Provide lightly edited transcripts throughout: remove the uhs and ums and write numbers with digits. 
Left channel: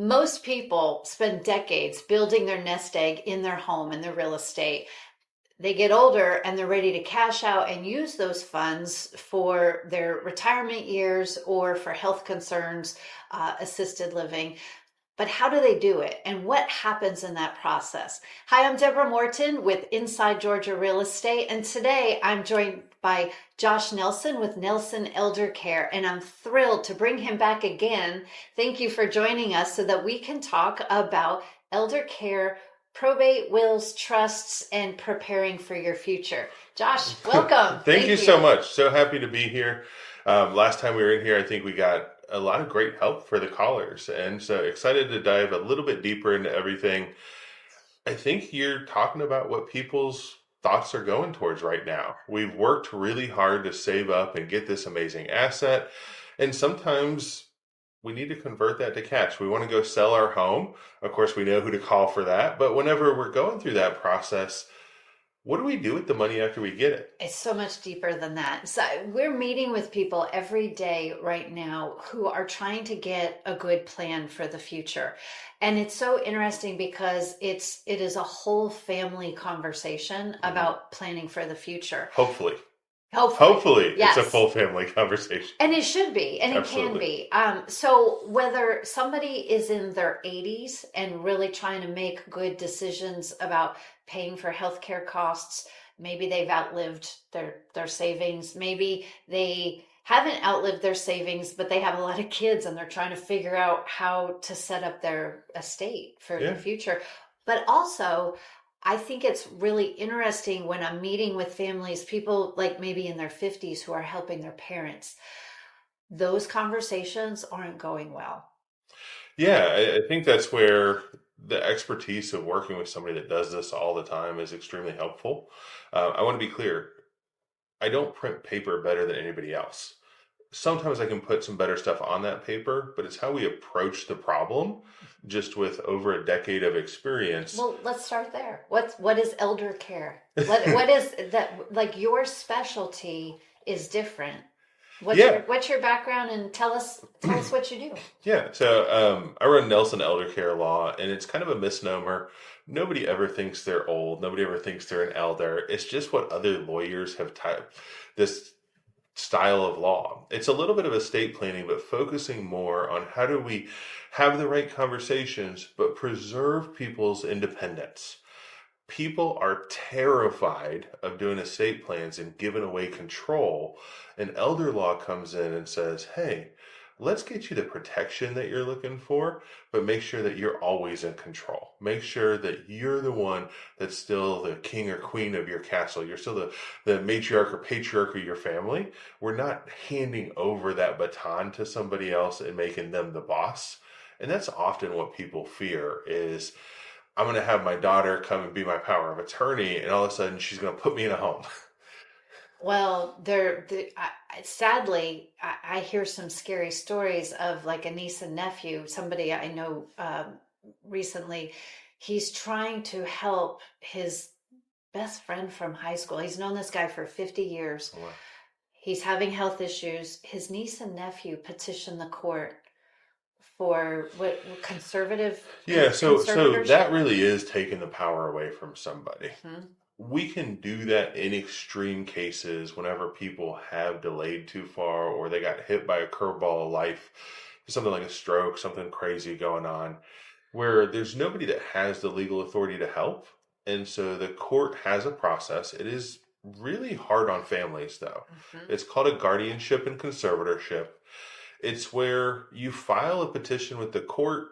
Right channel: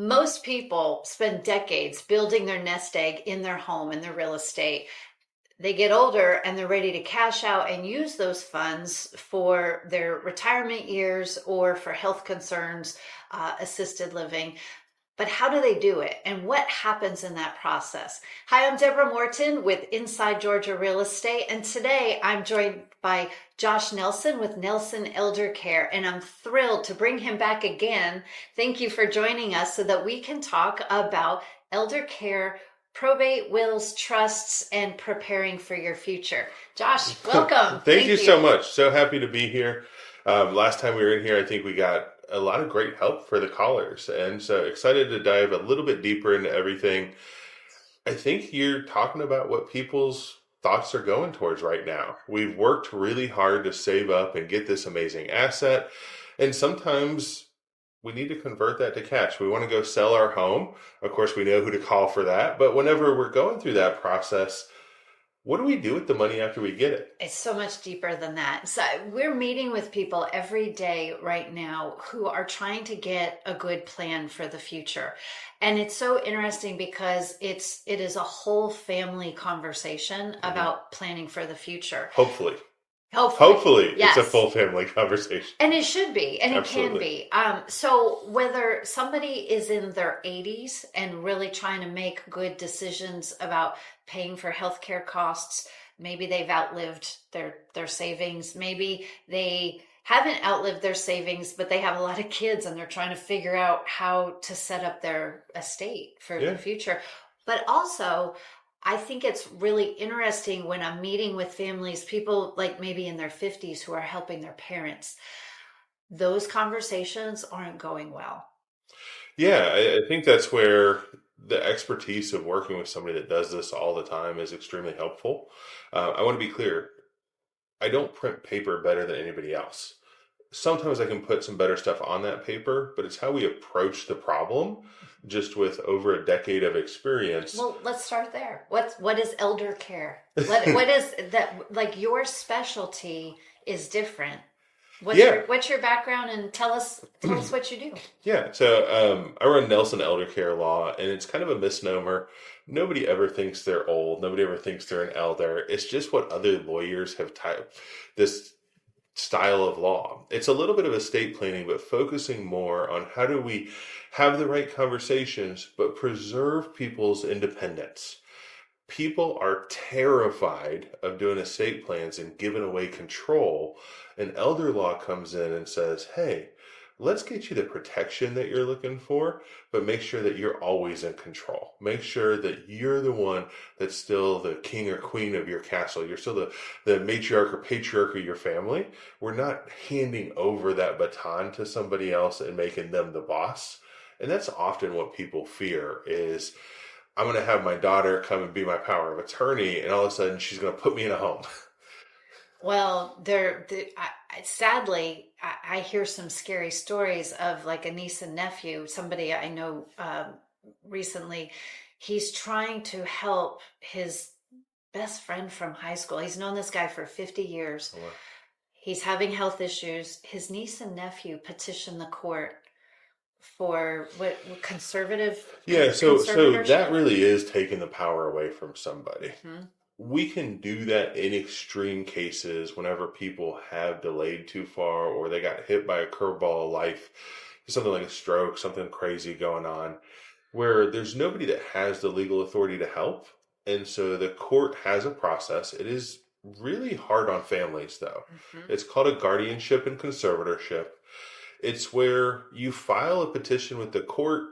Most people spend decades building their nest egg in their home, in their real estate. They get older and they're ready to cash out and use those funds for their retirement years or for health concerns, assisted living. But how do they do it? And what happens in that process? Hi, I'm Deborah Morton with Inside Georgia Real Estate. And today I'm joined by Josh Nelson with Nelson Elder Care. And I'm thrilled to bring him back again. Thank you for joining us so that we can talk about elder care, probate, wills, trusts, and preparing for your future. Josh, welcome. Thank you Thank so you. much. So happy to be here. Last time we were in here, I think we got a lot of great help for the callers. And so excited to dive a little bit deeper into everything. I think you're talking about what people's thoughts are going towards right now. We've worked really hard to save up and get this amazing asset. And sometimes we need to convert that to cash. We want to go sell our home. Of course, we know who to call for that. But whenever we're going through that process, what do we do with the money after we get it? It's so much deeper than that. So we're meeting with people every day right now who are trying to get a good plan for the future. And it's so interesting because it is a whole family conversation Mhm. about planning for the future. Hopefully. Hopefully. Hopefully, it's a Yes. full family conversation. And it should be, and it can Absolutely. be. So whether somebody is in their 80s and really trying to make good decisions about paying for healthcare costs, maybe they've outlived their savings, maybe they haven't outlived their savings, but they have a lot of kids and they're trying to figure out how to set up their estate for the Yeah. future. But also, I think it's really interesting when I'm meeting with families, people like maybe in their 50s who are helping their parents. Those conversations aren't going well. Yeah, I think that's where the expertise of working with somebody that does this all the time is extremely helpful. I want to be clear. I don't print paper better than anybody else. Sometimes I can put some better stuff on that paper, but it's how we approach the problem, just with over a decade of experience. Well, let's start there. What is elder care? What is that, like your specialty is different. Yeah, What's your background, and tell us what you do. yeah. So I run Nelson Elder Care Law, and it's kind of a misnomer. Nobody ever thinks they're old. Nobody ever thinks they're an elder. It's just what other lawyers have typed this style of law. It's a little bit of estate planning, but focusing more on how do we have the right conversations, but preserve people's independence. People are terrified of doing estate plans and giving away control. And elder law comes in and says, hey, let's get you the protection that you're looking for, but make sure that you're always in control. Make sure that you're the one that's still the king or queen of your castle. You're still the matriarch or patriarch of your family. We're not handing over that baton to somebody else and making them the boss. And that's often what people fear is I'm going to have my daughter come and be my power of attorney, and all of a sudden she's going to put me in a home. Well, sadly, I hear some scary stories of like a niece and nephew, somebody I know recently. He's trying to help his best friend from high school. He's known this guy for 50 years. He's having health issues. His niece and nephew petitioned the court for what Yeah, so that conservatorship. really is taking the power away from somebody. Hmm. We can do that in extreme cases whenever people have delayed too far or they got hit by a curveball of life, something like a stroke, something crazy going on, where there's nobody that has the legal authority to help. And so the court has a process. It is really hard on families, though. Hmm. It's called a guardianship and conservatorship. It's where you file a petition with the court.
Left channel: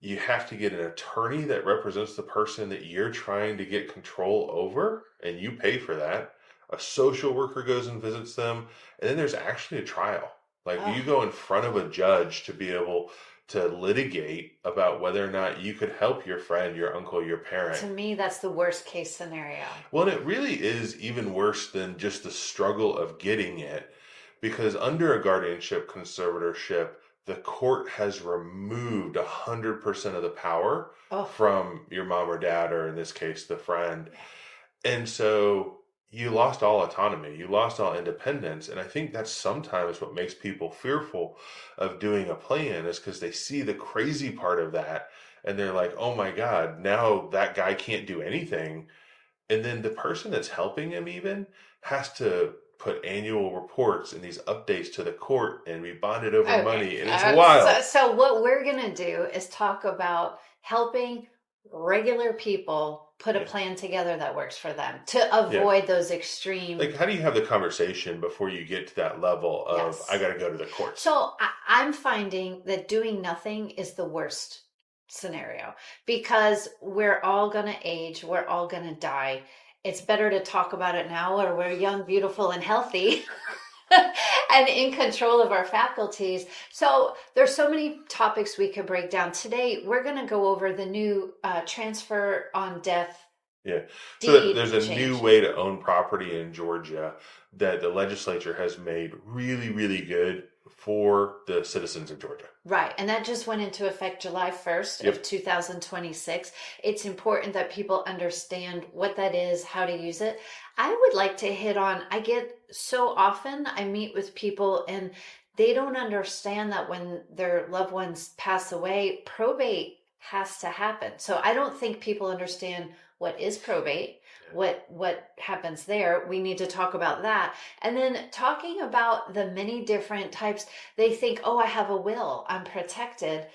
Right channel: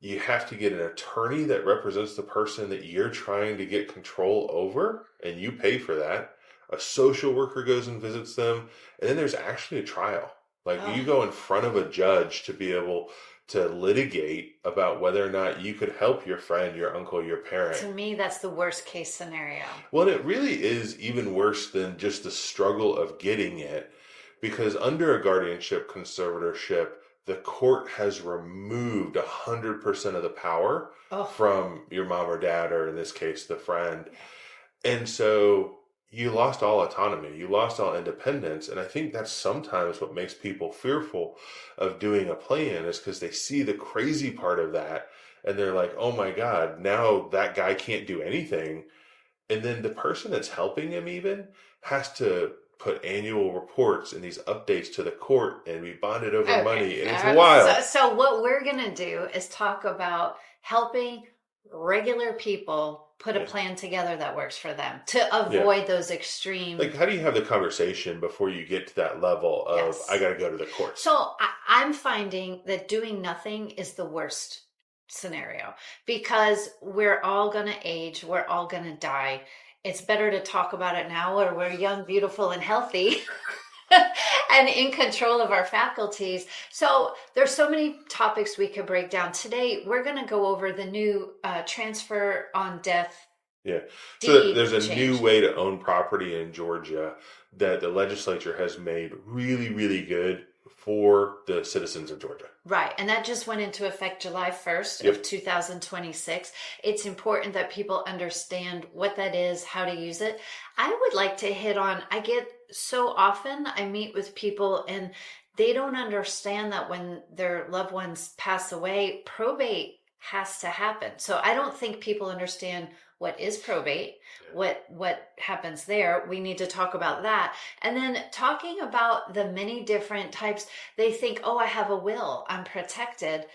You have to get an attorney that represents the person that you're trying to get control over, and you pay for that. A social worker goes and visits them, and then there's actually a trial. Like Oh, you go in front of a judge to be able to litigate about whether or not you could help your friend, your uncle, your to parent. me, that's the worst case scenario. Well, it really is even worse than just the struggle of getting it, because under a guardianship conservatorship, the court has removed 100% of the power Oh, from your mom or dad, or in this case, the friend. And so you lost all autonomy, you lost all independence. And I think that's sometimes what makes people fearful of doing a plan is because they see the crazy part of that and they're like, oh my God, now that guy can't do anything. And then the person that's helping him even has to put annual reports and these updates to the court and be bonded over Okay. money. And it's So, wild. so what we're going to do is talk about helping regular people put a Yeah. plan together that works for them to Yeah. avoid those extreme. Like, how do you have the conversation before you get to that level of, I Yes. got to go to the courts? So I'm finding that doing nothing is the worst scenario because we're all going to age, we're all going to die. It's better to talk about it now where we're young, beautiful, and healthy and in control of our faculties. So there's so many topics we could break down. Today, we're going to go over the new transfer on death Yeah. So deed there's a new change. way to own property in Georgia that the legislature has made really, really good for the citizens of Georgia. Right. And that just went into effect July 1st of Yep. 2026. It's important that people understand what that is, how to use it. I would like to hit on, I get so often I meet with people and they don't understand that when their loved ones pass away, probate has to happen. So I don't think people understand what is probate, what happens there. We need to talk about that. And then talking about the many different types. They think, oh, I have a will, I'm protected.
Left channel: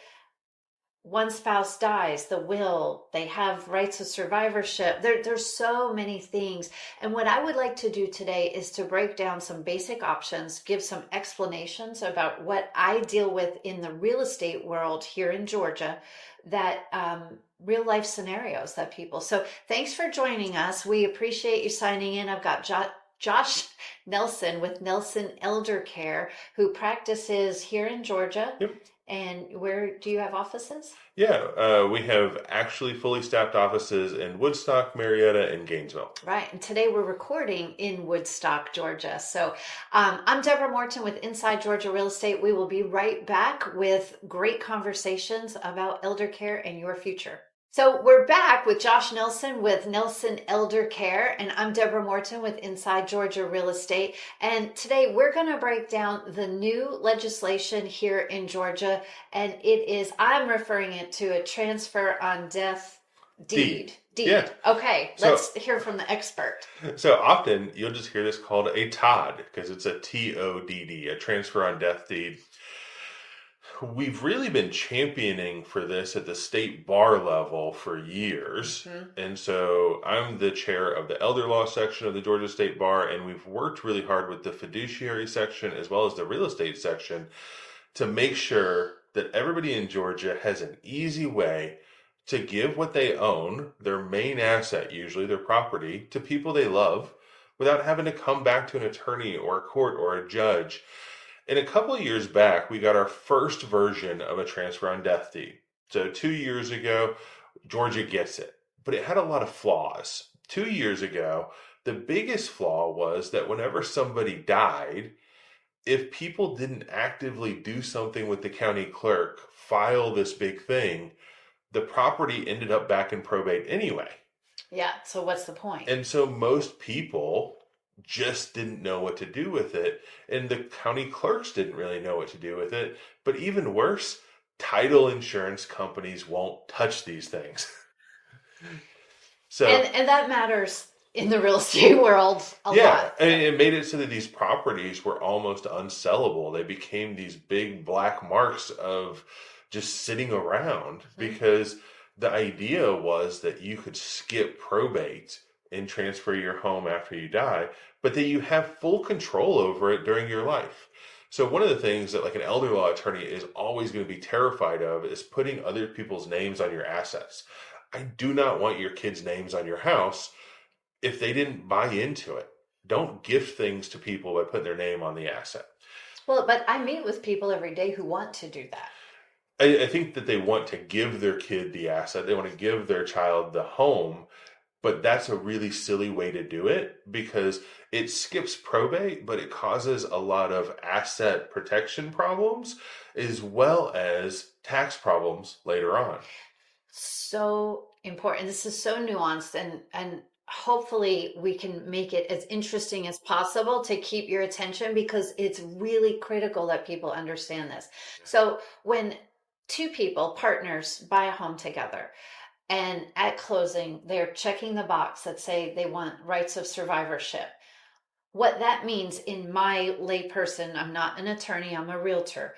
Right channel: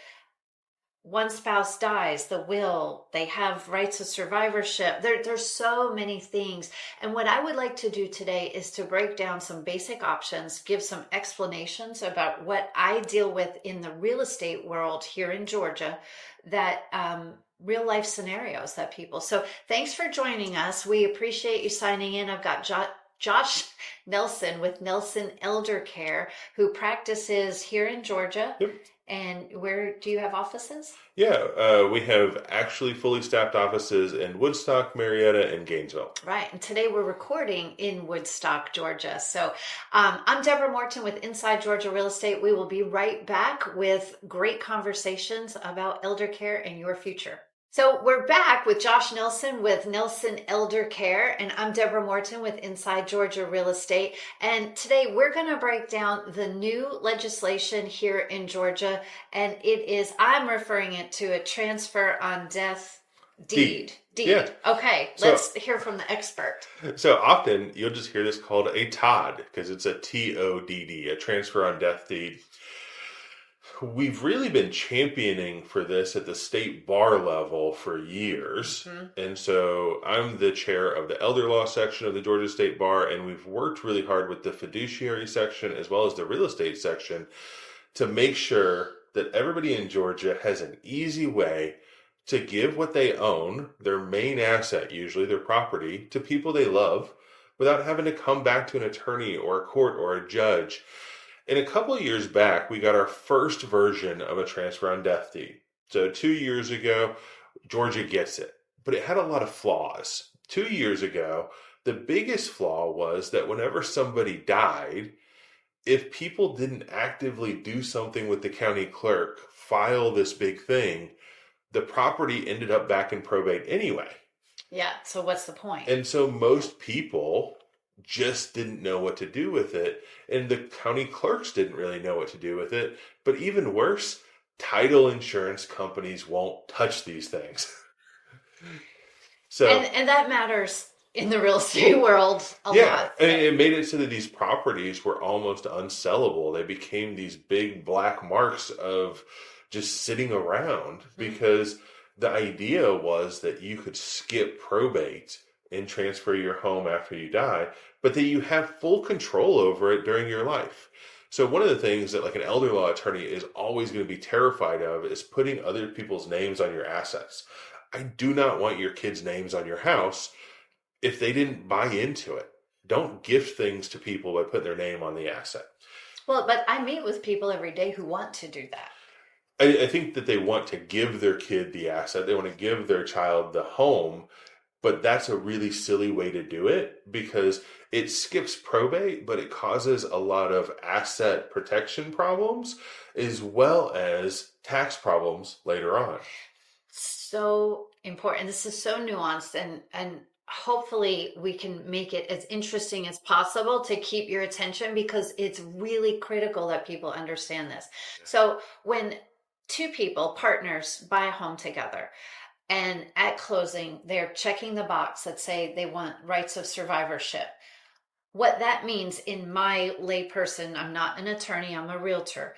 One spouse dies, the will, they have rights of survivorship. There's so many things. And what I would like to do today is to break down some basic options, give some explanations about what I deal with in the real estate world here in Georgia, that real life scenarios that people. So thanks for joining us. We appreciate you signing in. I've got Josh Nelson with Nelson Elder Care, who practices here in Georgia. Yep. And where do you have offices? Yeah. We have actually fully staffed offices in Woodstock, Marietta, and Gainesville. Right. And today we're recording in Woodstock, Georgia. So I'm Deborah Morton with Inside Georgia Real Estate. We will be right back with great conversations about elder care and your future. So we're back with Josh Nelson with Nelson Elder Care, and I'm Deborah Morton with Inside Georgia Real Estate. And today we're going to break down the new legislation here in Georgia, and it is, I'm referring it to a transfer on death deed. Yeah. Okay, let's hear from the expert. So often you'll just hear this called a TOD because it's a TODD, a transfer on death deed. We've really been championing for this at the state bar level for years. And so I'm the chair of the elder law section of the Georgia State Bar, and we've worked really hard with the fiduciary section as well as the real estate section to make sure that everybody in Georgia has an easy way to give what they own, their main asset, usually their property, to people they love without having to come back to an attorney or a court or a judge. And a couple of years back, we got our first version of a transfer on death deed. So 2 years ago, Georgia gets it, but it had a lot of flaws. 2 years ago, the biggest flaw was that whenever somebody died, if people didn't actively do something with the county clerk, file this big thing, the property ended up back in probate anyway. Yeah, so what's the point? And so most people just didn't know what to do with it. And the county clerks didn't really know what to do with it. But even worse, title insurance companies won't touch these things. So And that matters in the real estate world a lot. I mean, it made it so that these properties were almost unsellable. They became these big black marks of just sitting around because the idea was that you could skip probate and transfer your home after you die, but that you have full control over it during your life. So one of the things that like an elder law attorney is always going to be terrified of is putting other people's names on your assets. I do not want your kids' names on your house if they didn't buy into it. Don't gift things to people by putting their name on the asset. Well, but I meet with people every day who want to do that. I think that they want to give their kid the asset. They want to give their child the home, but that's a really silly way to do it because it skips probate, but it causes a lot of asset protection problems as well as tax problems later on. So important. This is so nuanced, and hopefully we can make it as interesting as possible to keep your attention, because it's really critical that people understand this. So when two people, partners, buy a home together, and at closing they're checking the box that say they want rights of survivorship, what that means in my layperson, I'm not an attorney, I'm a realtor.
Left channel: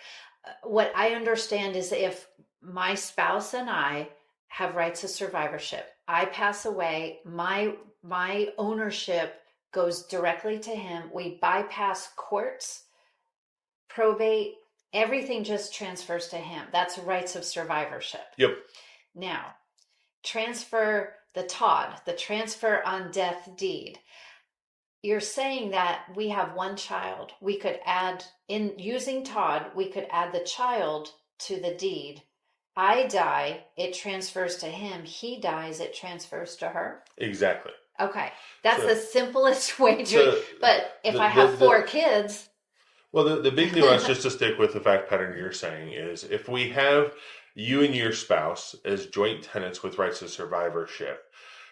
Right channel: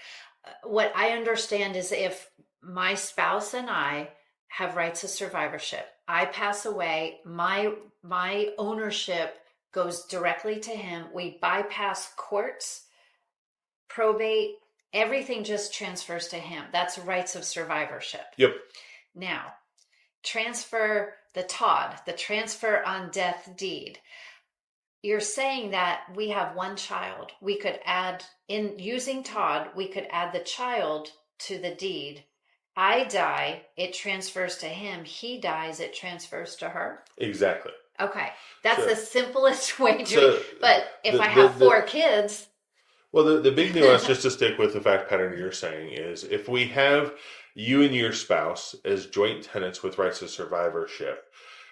What I understand is if my spouse and I have rights of survivorship, I pass away, my ownership goes directly to him. We bypass courts, probate, everything just transfers to him. That's rights of survivorship. Yep. Now, transfer the Todd, the transfer on death deed. You're saying that we have one child. We could add, in using Todd, we could add the child to the deed. I die, it transfers to him. He dies, it transfers to her. Exactly. Okay. That's So- the simplest way to so it. But if the- I have the- 4 kids, Well, the big nuance, just to stick with the fact pattern you're saying, is if we have you and your spouse as joint tenants with rights of survivorship,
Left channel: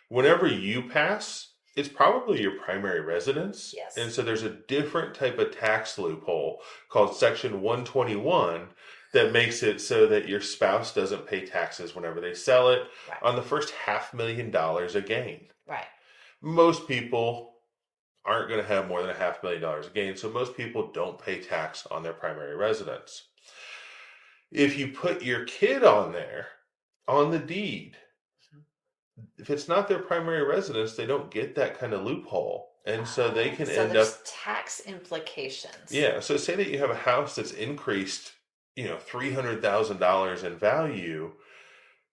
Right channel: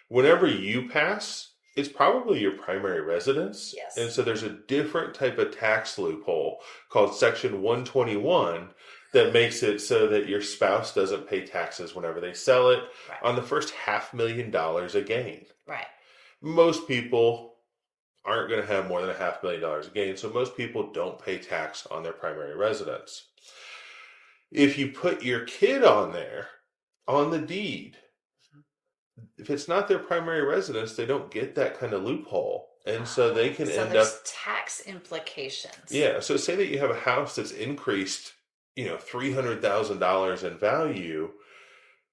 whenever you pass, it's probably your primary residence. Yes. And so there's a different type of tax loophole called Section 121 that makes it so that your spouse doesn't pay taxes whenever they sell it Right. on the first $500,000 a gain. Right. Most people aren't going to have more than $500,000 a gain, so most people don't pay tax on their primary residence. If you put your kid on there, on the deed, if it's not their primary residence, they don't get that kind of loophole. And so they can So end there's up, tax implications. yeah. So say that you have a house that's increased, $300,000 in value.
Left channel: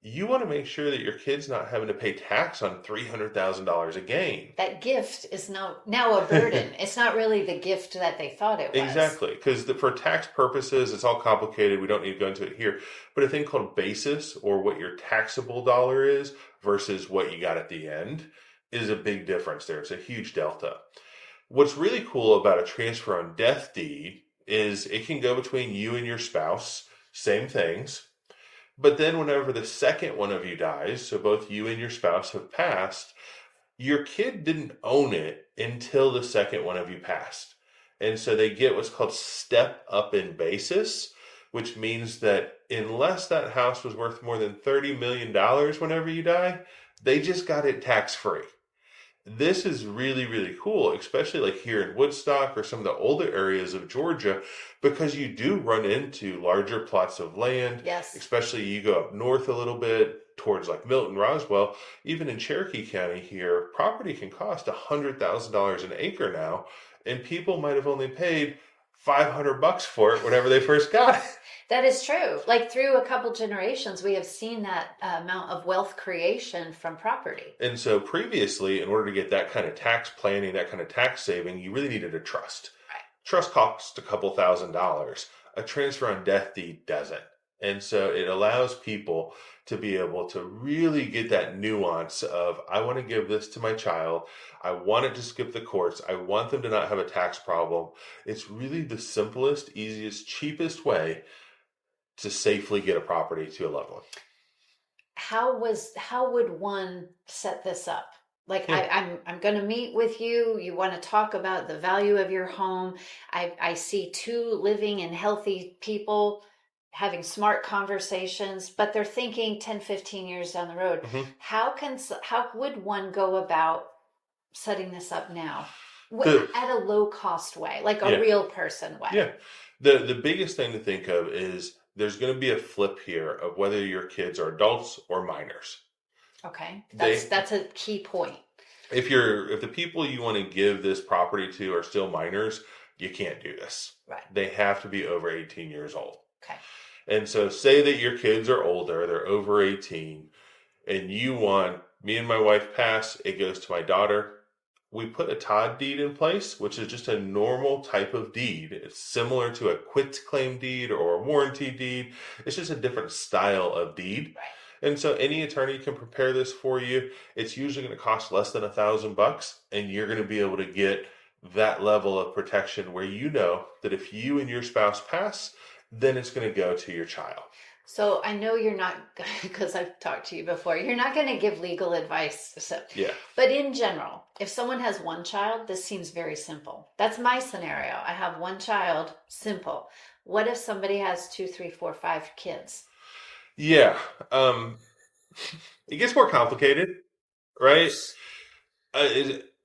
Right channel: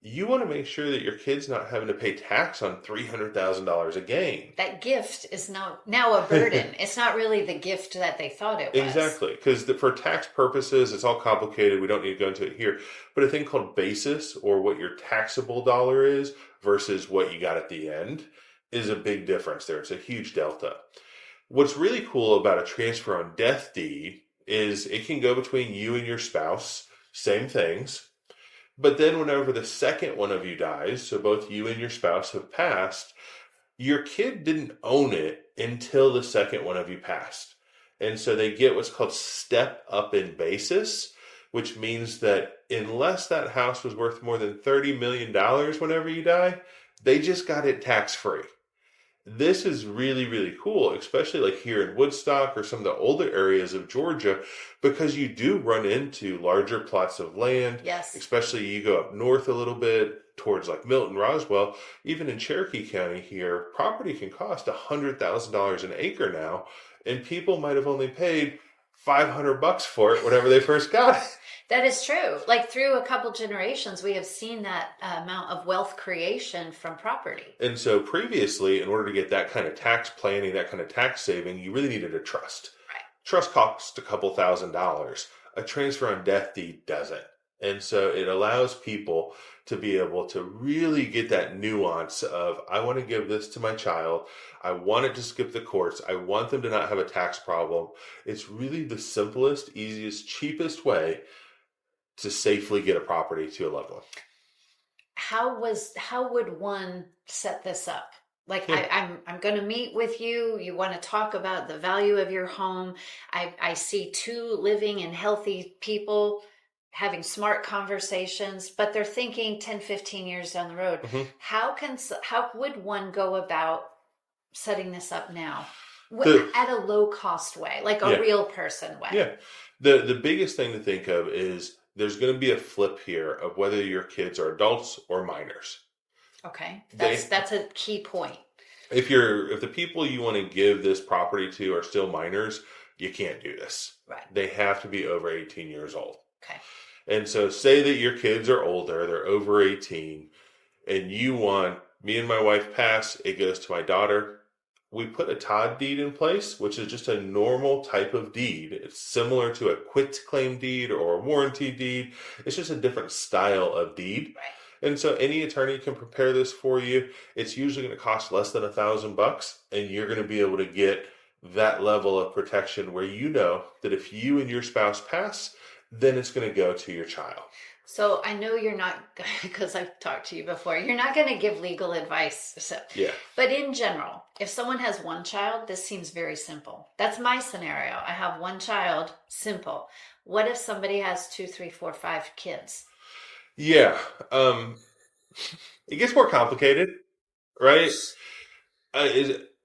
You want to make sure that your kid's not having to pay tax on $300,000 a gain. That gift is now a burden. It's not really the gift that they thought it was. Exactly, because for tax purposes, it's all complicated. We don't need to go into it here. But a thing called basis, or what your taxable dollar is versus what you got at the end, is a big difference there. It's a huge delta. What's really cool about a transfer on death deed is it can go between you and your spouse, same things. But then whenever the second one of you dies, so both you and your spouse have passed, your kid didn't own it until the second one of you passed. And so they get what's called step up in basis, which means that unless that house was worth more than $30 million whenever you die, they just got it tax free. This is really, really cool, especially like here in Woodstock or some of the older areas of Georgia, because you do run into larger plots of land. Yes. Especially you go up north a little bit towards like Milton, Roswell, even in Cherokee County here, property can cost $100,000 an acre now, and people might have only paid $500 for it whenever they first got it. That is true. Like through a couple generations, we have seen that amount of wealth creation from property. And so previously, in order to get that kind of tax planning, that kind of tax saving, you really needed a trust. Right. Trust costs a couple $1,000s. A transfer on death deed doesn't. And so it allows people to be able to really get that nuance of, I want to give this to my child. I want it to skip the courts. I want them to not have a tax problem. It's really the simplest, easiest, cheapest way to safely get a property to a loved one. How would one set this up? Like Yeah. I'm going to meet with you. You want to talk about the value of your home. I see 2 living and healthy people having smart conversations, but they're thinking 10, 15 years down the road. Mhm. How would one go about setting this up now? At a low cost way, like a Yeah. real person way. Yeah. The biggest thing to think of is there's going to be a flip here of whether your kids are adults or minors. Okay. They- That's a key point. If the people you want to give this property to are still minors, you can't do this. Right. They have to be over 18 years old. Okay. And so say that your kids are older, they're over 18, and you want, me and my wife pass, it goes to my daughter. We put a Todd deed in place, which is just a normal type of deed. It's similar to a quitclaim deed or a warranty deed. It's just a different style of deed. Right. And so any attorney can prepare this for you. It's usually going to cost less than $1,000, and you're going to be able to get that level of protection where you know that if you and your spouse pass, then it's going to go to your child. So I know you're not, because I've talked to you before, you're not going to give legal advice. So, Yeah. but in general, if someone has one child, this seems very simple. That's my scenario. I have one child, simple. What if somebody has two, three, four, five kids? Yeah. Um, it gets more complicated, right?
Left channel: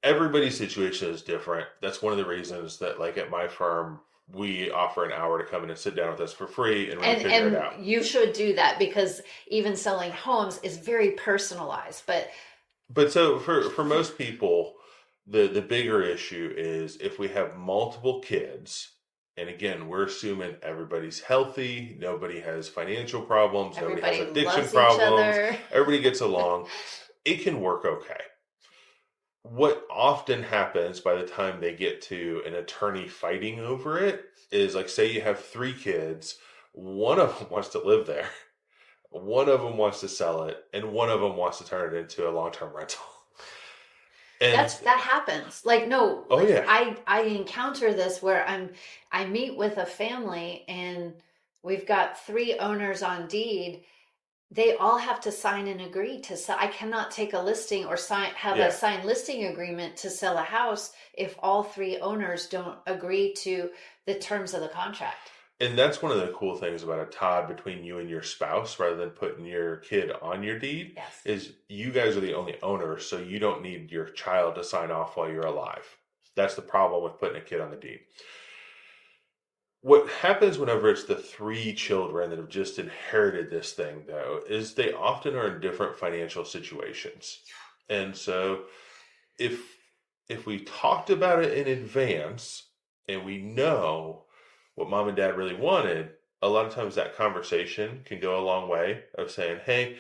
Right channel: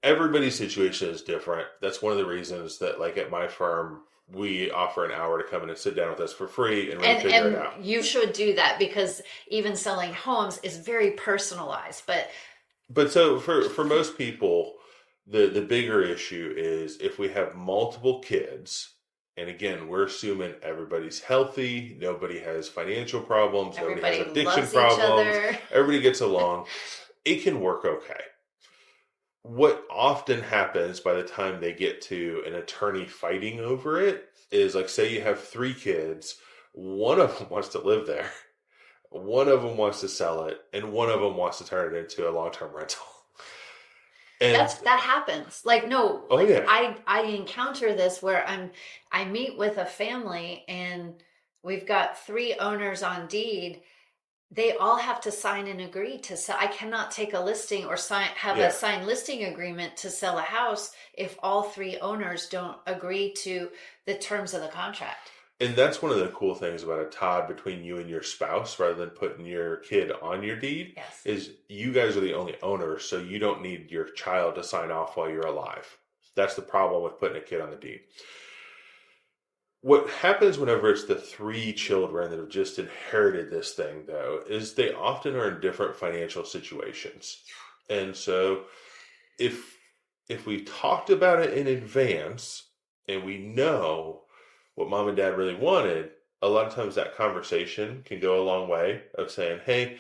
Everybody's situation is different. That's one of the reasons that, like at my firm, we offer an hour to come in and sit down with us for free and really figure it And out. you should do that because even selling homes is very personalized. But But so for most people, the bigger issue is if we have multiple kids, and again, we're assuming everybody's healthy, nobody has financial problems, nobody has everybody addiction loves each problems, other. everybody gets along, it can work okay. What often happens by the time they get to an attorney fighting over it is, like, say you have three kids, one of them wants to live there, one of them wants to sell it, and one of them wants to turn it into a long-term rental. And That happens. Like, no, oh like yeah, I encounter this where I meet with a family and we've got three owners on deed. They all have to sign and agree to sell. I cannot take a listing or have a yeah. signed listing agreement to sell a house if all three owners don't agree to the terms of the contract. And that's one of the cool things about a Todd between you and your spouse, rather than putting your kid on your deed, Yes. is you guys are the only owners, so you don't need your child to sign off while you're alive. That's the problem with putting a kid on the deed. What happens whenever it's the three children that have just inherited this thing, though, is they often are in different financial situations. And so if we talked about it in advance and we know what mom and dad really wanted, a lot of times that conversation can go a long way of saying, hey,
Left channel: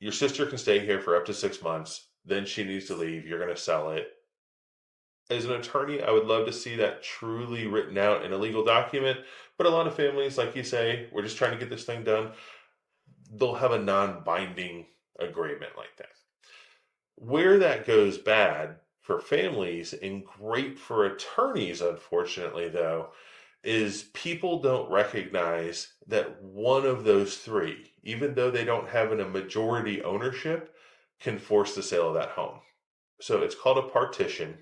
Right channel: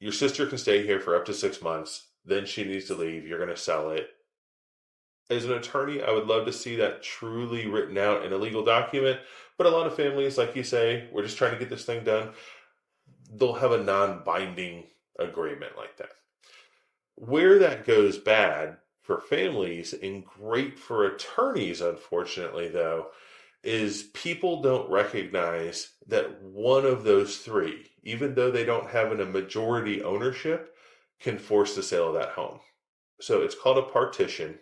your sister can stay here for up to 6 months, then she needs to leave, you're going to sell it. As an attorney, I would love to see that truly written out in a legal document. But a lot of families, like you say, we're just trying to get this thing done. They'll have a non binding agreement like that. Where that goes bad for families and great for attorneys, unfortunately, though, is people don't recognize that one of those three, even though they don't have a majority ownership, can force the sale of that home. So it's called a partition.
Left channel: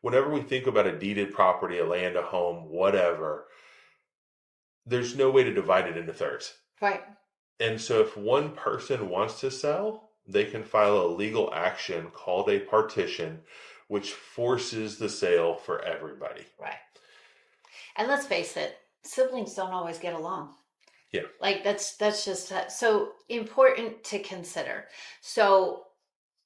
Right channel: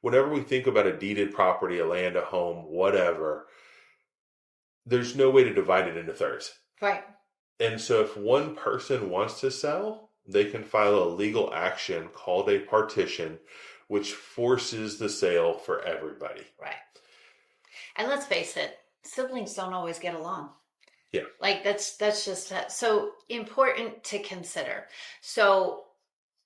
Whenever we think about a deeded property, a land, a home, whatever, there's no way to divide it into thirds. Right. And so if one person wants to sell, they can file a legal action called a partition, which forces the sale for everybody. Right. And let's face it, siblings don't always get along. Yeah. Like that's just so important to consider. So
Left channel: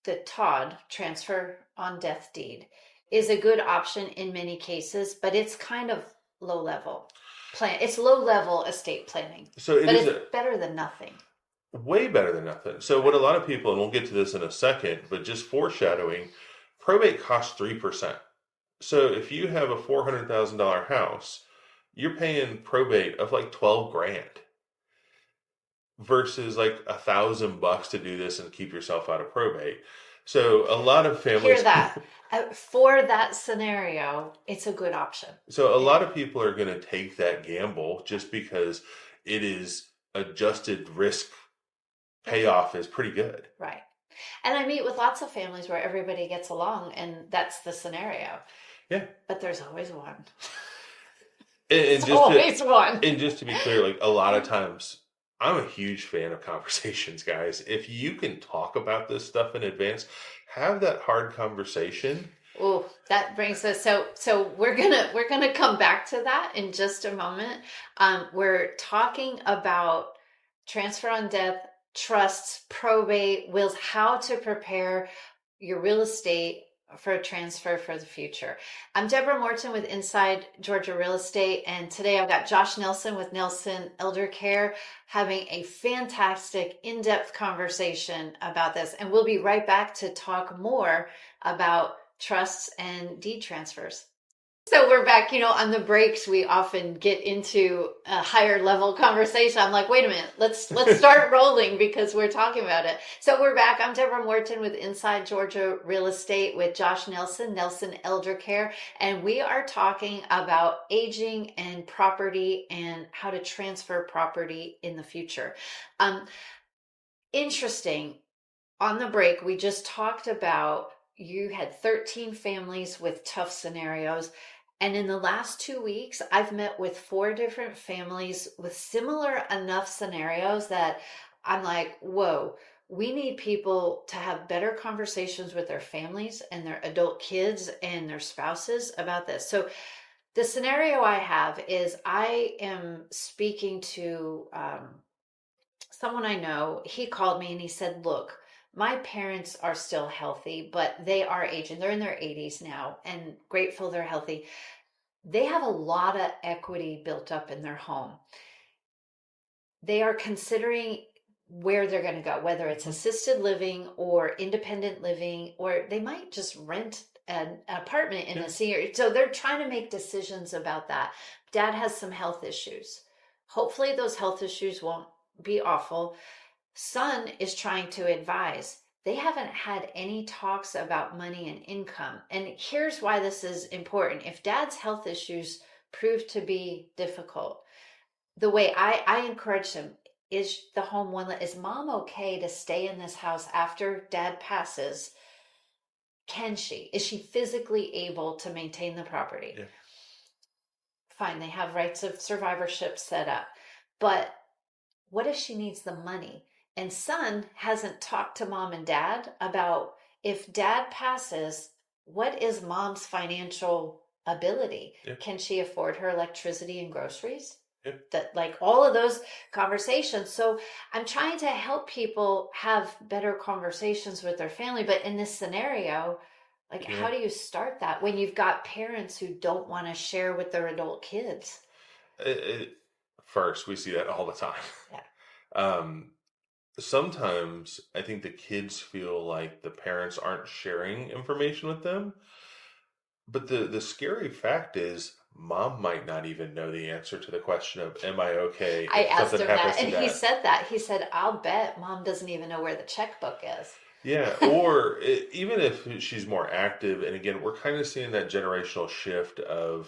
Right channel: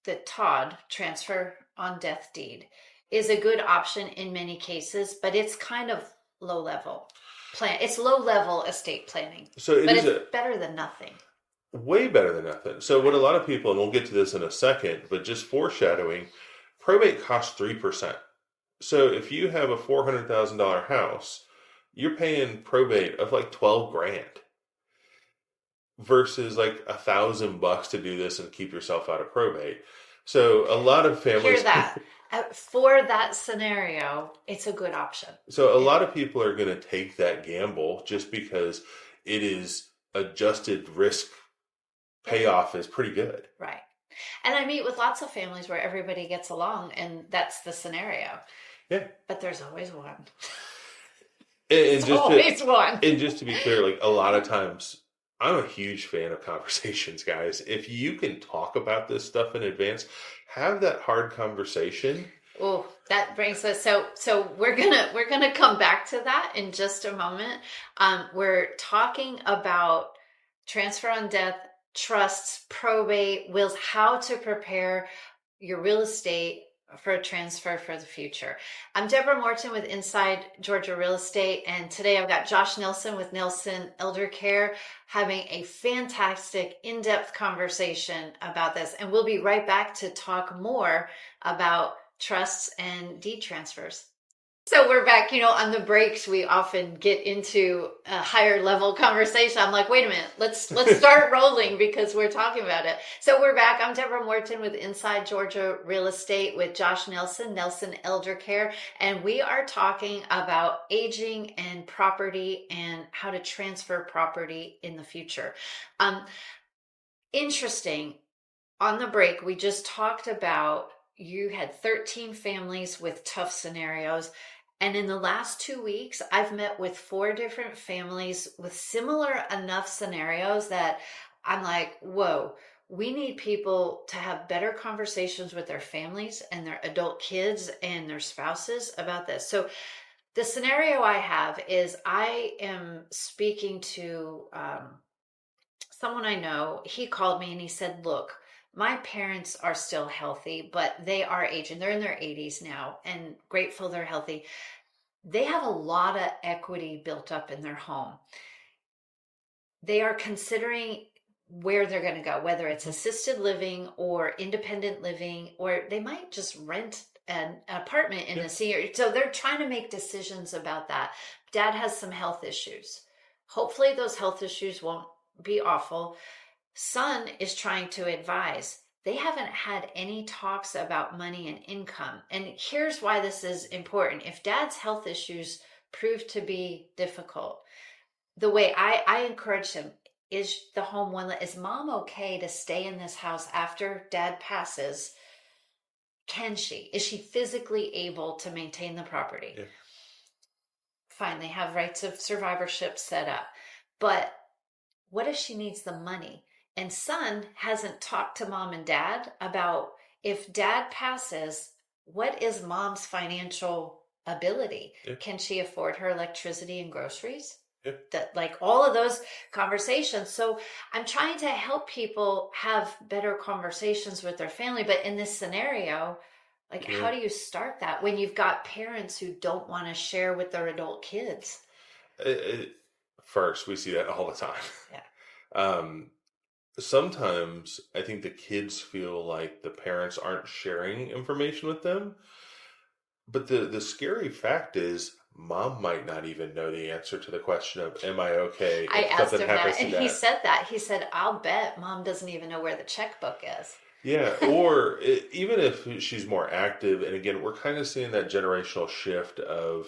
the Todd transfer on death deed is a good option in many cases, but it's kind of low level plan. It's low level estate planning, So it but is it's better than nothing. way better than nothing. So what a lot of people, and we'll get to this in a second, but just foreshadowing, probate costs 3%. So if you have a $400,000 house, you're paying probate of like 12 grand versus like $1,000 to do this and keep yourself out of probate. So a lot of Hear families, that. For that scenario, it's a good option. so a lot of people are going to take that gamble just because it is adjusted risk payoff is pretty good. Right. And I meet with lots of families where everybody gets along and that's the scenario. Yeah. But there's always one. And There's always one. and just to be clear, like a lot of times, I'm a huge fan of conversations, guys. If you can talk about this stuff in advance, have that hard conversation. Oh, that brings us so we're gonna come back to that in just a moment. We're talking about transfer on death, trusts, probate, wills, how to prepare your real estate for a transfer for the future. I'm Deborah Morton with Inside Georgia Real Estate, and today I've got Josh Nelson with Nelson Elder Care having a fantastic in-depth conversation about this. And we'll be right back to talk more about trusts and deed transfers. So we're back, on the breaks we often get into a higher level conversation. I'm like, wait a minute, let's start rolling because we're talking about it. So we're back. I'm Deborah Morton with Inside Georgia Real Estate with Josh Nelson Elder Care, and we are talking about aging and property and how to transfer property in the future. Um, Interesting. On the break, we just talked about you had 13 families with tough scenarios. And in the last 2 weeks, I've met with four different families with similar enough scenarios that I'm like, whoa, we need people to have better conversations with their families and their adult kids and their spouses about this. So, the scenario I have is I am speaking to someone I know. He called me and he said, look, my parents are still healthy, but they are aging. They're in their 80s now and grateful they're healthy. They have a lot of equity built up in their home. They are considering where they're going to go, whether it's assisted living or independent living, or they might just rent an apartment in Yeah, a senior. So they're trying to make decisions about that. Dad has some health issues. Hopefully, those health issues won't be awful. Son is trying to advise. They haven't had any talks about money and income. And here's why this is important. If dad's health issues prove to be difficult, the way I encourage him, is the home one, is mom okay to stay in this house after dad passes? Can she? Is she physically able to maintain the property? yeah, Fine, they have rights of survivorship set up. But what if she needs the money? And son hasn't talked to mom and dad about, if dad passes, what is mom's financial ability? yeah, Can she afford her electricity and groceries? yeah, That, like, all of those conversations. So I'm trying to help people have better conversations with their family. But in this scenario, like, yeah. how do you start that when you've got parents who don't want to share with their adult kids? It, first, we see that all the time. Yeah. Um, Sometimes I think the kids feel like the parents aren't sharing information with them. But the scary fact is, mom might not even know the answer to the question of, am I okay I if asked something him that, happens to and he dad? said that. He said, I'll bet mom doesn't even know where the checkbook is. Yeah, or even if she's more active, and again, we're kind of seeing that generational shift of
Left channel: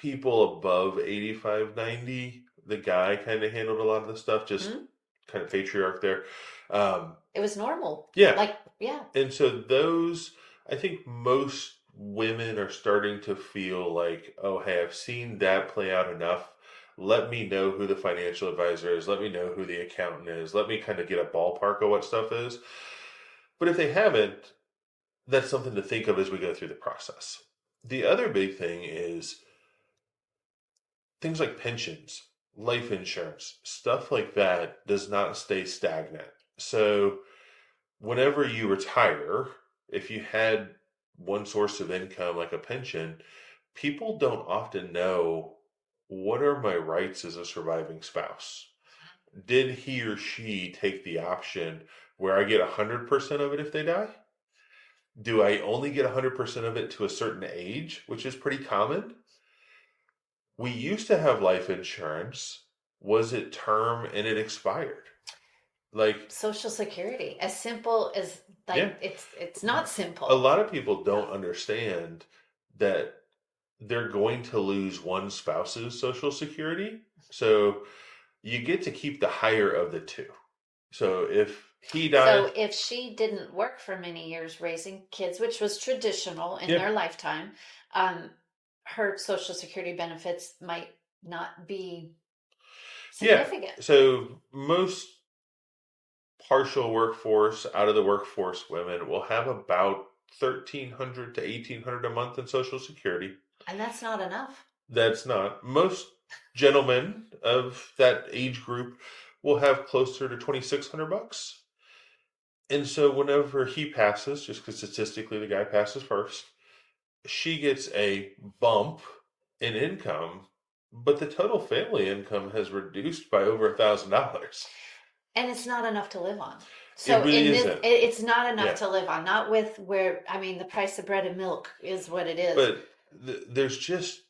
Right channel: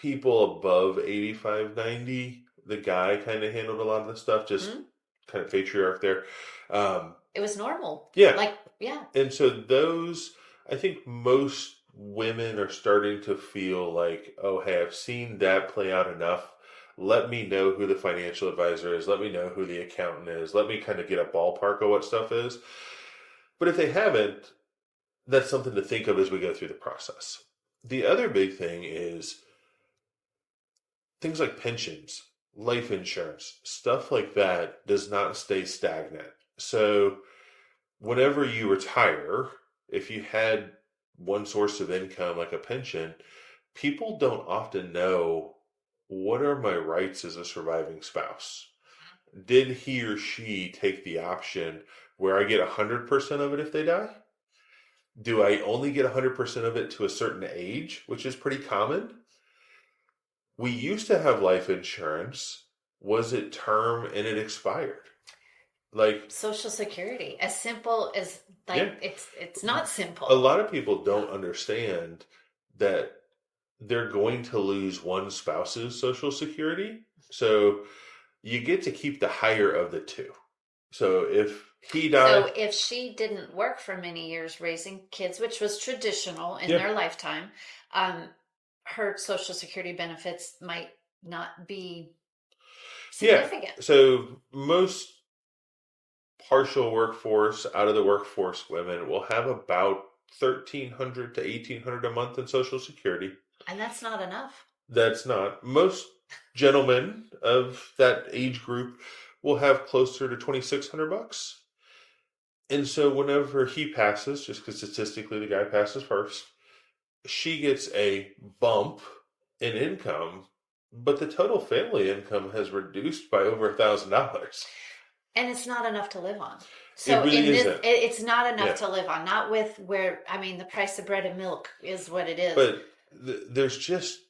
people above 85, 90. The guy kind of handled a lot of the stuff, just Hmm? kind of patriarch there. Um, It was normal. yeah, Like, yeah. and so those, I think most women are starting to feel like, oh, hey, I've seen that play out enough. Let me know who the financial advisor is. Let me know who the accountant is. Let me kind of get a ballpark of what stuff is. But if they haven't, that's something to think of as we go through the process. The other big thing is things like pensions, life insurance, stuff like that does not stay stagnant. So whenever you retire, if you had one source of income like a pension, people don't often know, what are my rights as a surviving spouse? Did he or she take the option where I get 100% of it if they die? Do I only get 100% of it to a certain age, which is pretty common? We used to have life insurance. Was it term and it expired? Like, Social Security, as simple as, yeah, like, it's not a simple. lot of people don't understand that they're going to lose one spouse's social security. So you get to keep the higher of the two. So if he dies, So if she didn't work for many years raising kids, which was traditional in yeah, their lifetime, um, her Social Security benefits might not be yeah. significant. So most partial workforce, out of the workforce women will have about 1,300 to 1,800 a month in social security. And that's not enough. That's not most gentlemen of that age group will have closer to 2,600 bucks. And so whenever he passes, just because statistically the guy passes first, she gets a bump in income, but the total family income has reduced by over $1,000. And it's not enough to live on. It So really in this, isn't. it's not enough Yeah, to live on. Not with where, I mean, the price of bread and milk is what it is. but there's just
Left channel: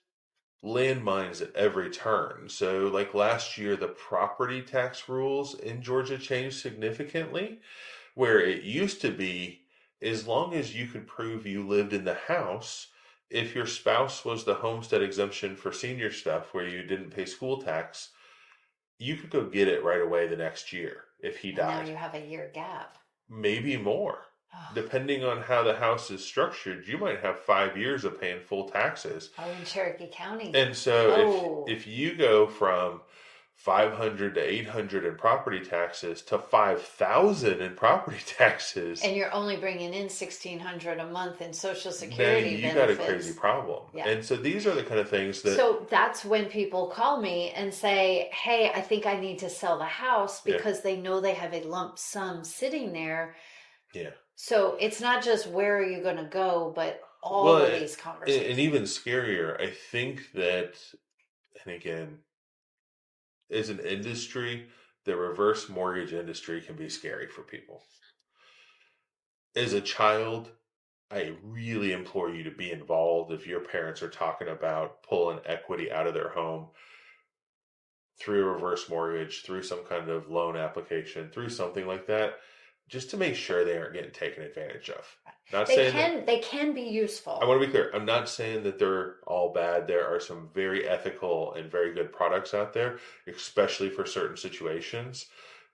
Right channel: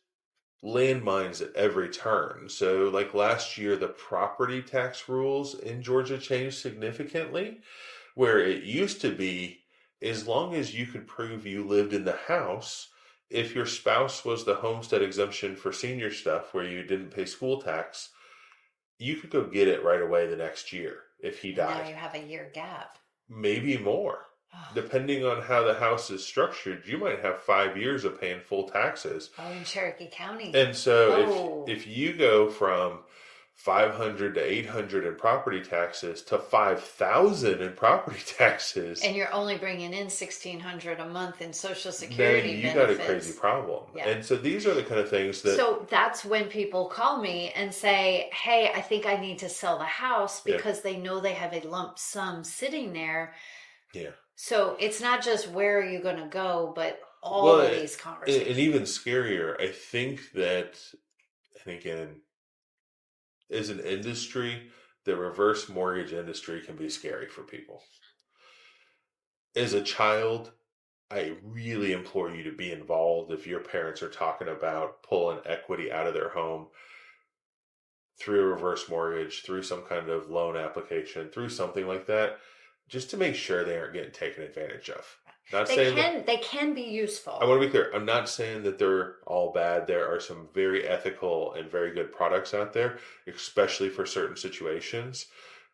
landmines at every turn. So, like last year, the property tax rules in Georgia changed significantly, where it used to be as long as you could prove you lived in the house, if your spouse was the homestead exemption for senior stuff where you didn't pay school tax, you could go get it right away the next year if he And now died. you have a year gap. Maybe more. Oh, Depending on how the house is structured, you might have 5 years of paying full taxes. oh, in Cherokee County. And so Oh, if you go from 500 to 800 in property taxes to 5,000 in property taxes, and you're only bringing in 1,600 a month in Social then Security you got a crazy benefits. problem. Yeah. And so these are the kind of things that, So that's when people call me and say, "Hey, I think I need to sell the house," yeah, because they know they have a lump sum sitting there. yeah. So it's not just where are you going to go, but all Well, of these and conversations. even scarier, I think that, and again, as an industry, the reverse mortgage industry can be scary for people. As a child, I really implore you to be involved if your parents are talking about pulling equity out of their home through a reverse mortgage, through some kind of loan application, through something like that, just to make sure they aren't getting taken advantage of. Not saying that, They can be I useful. want to be clear, I'm not saying that they're all bad. There are some very ethical and very good products out there, especially for certain situations.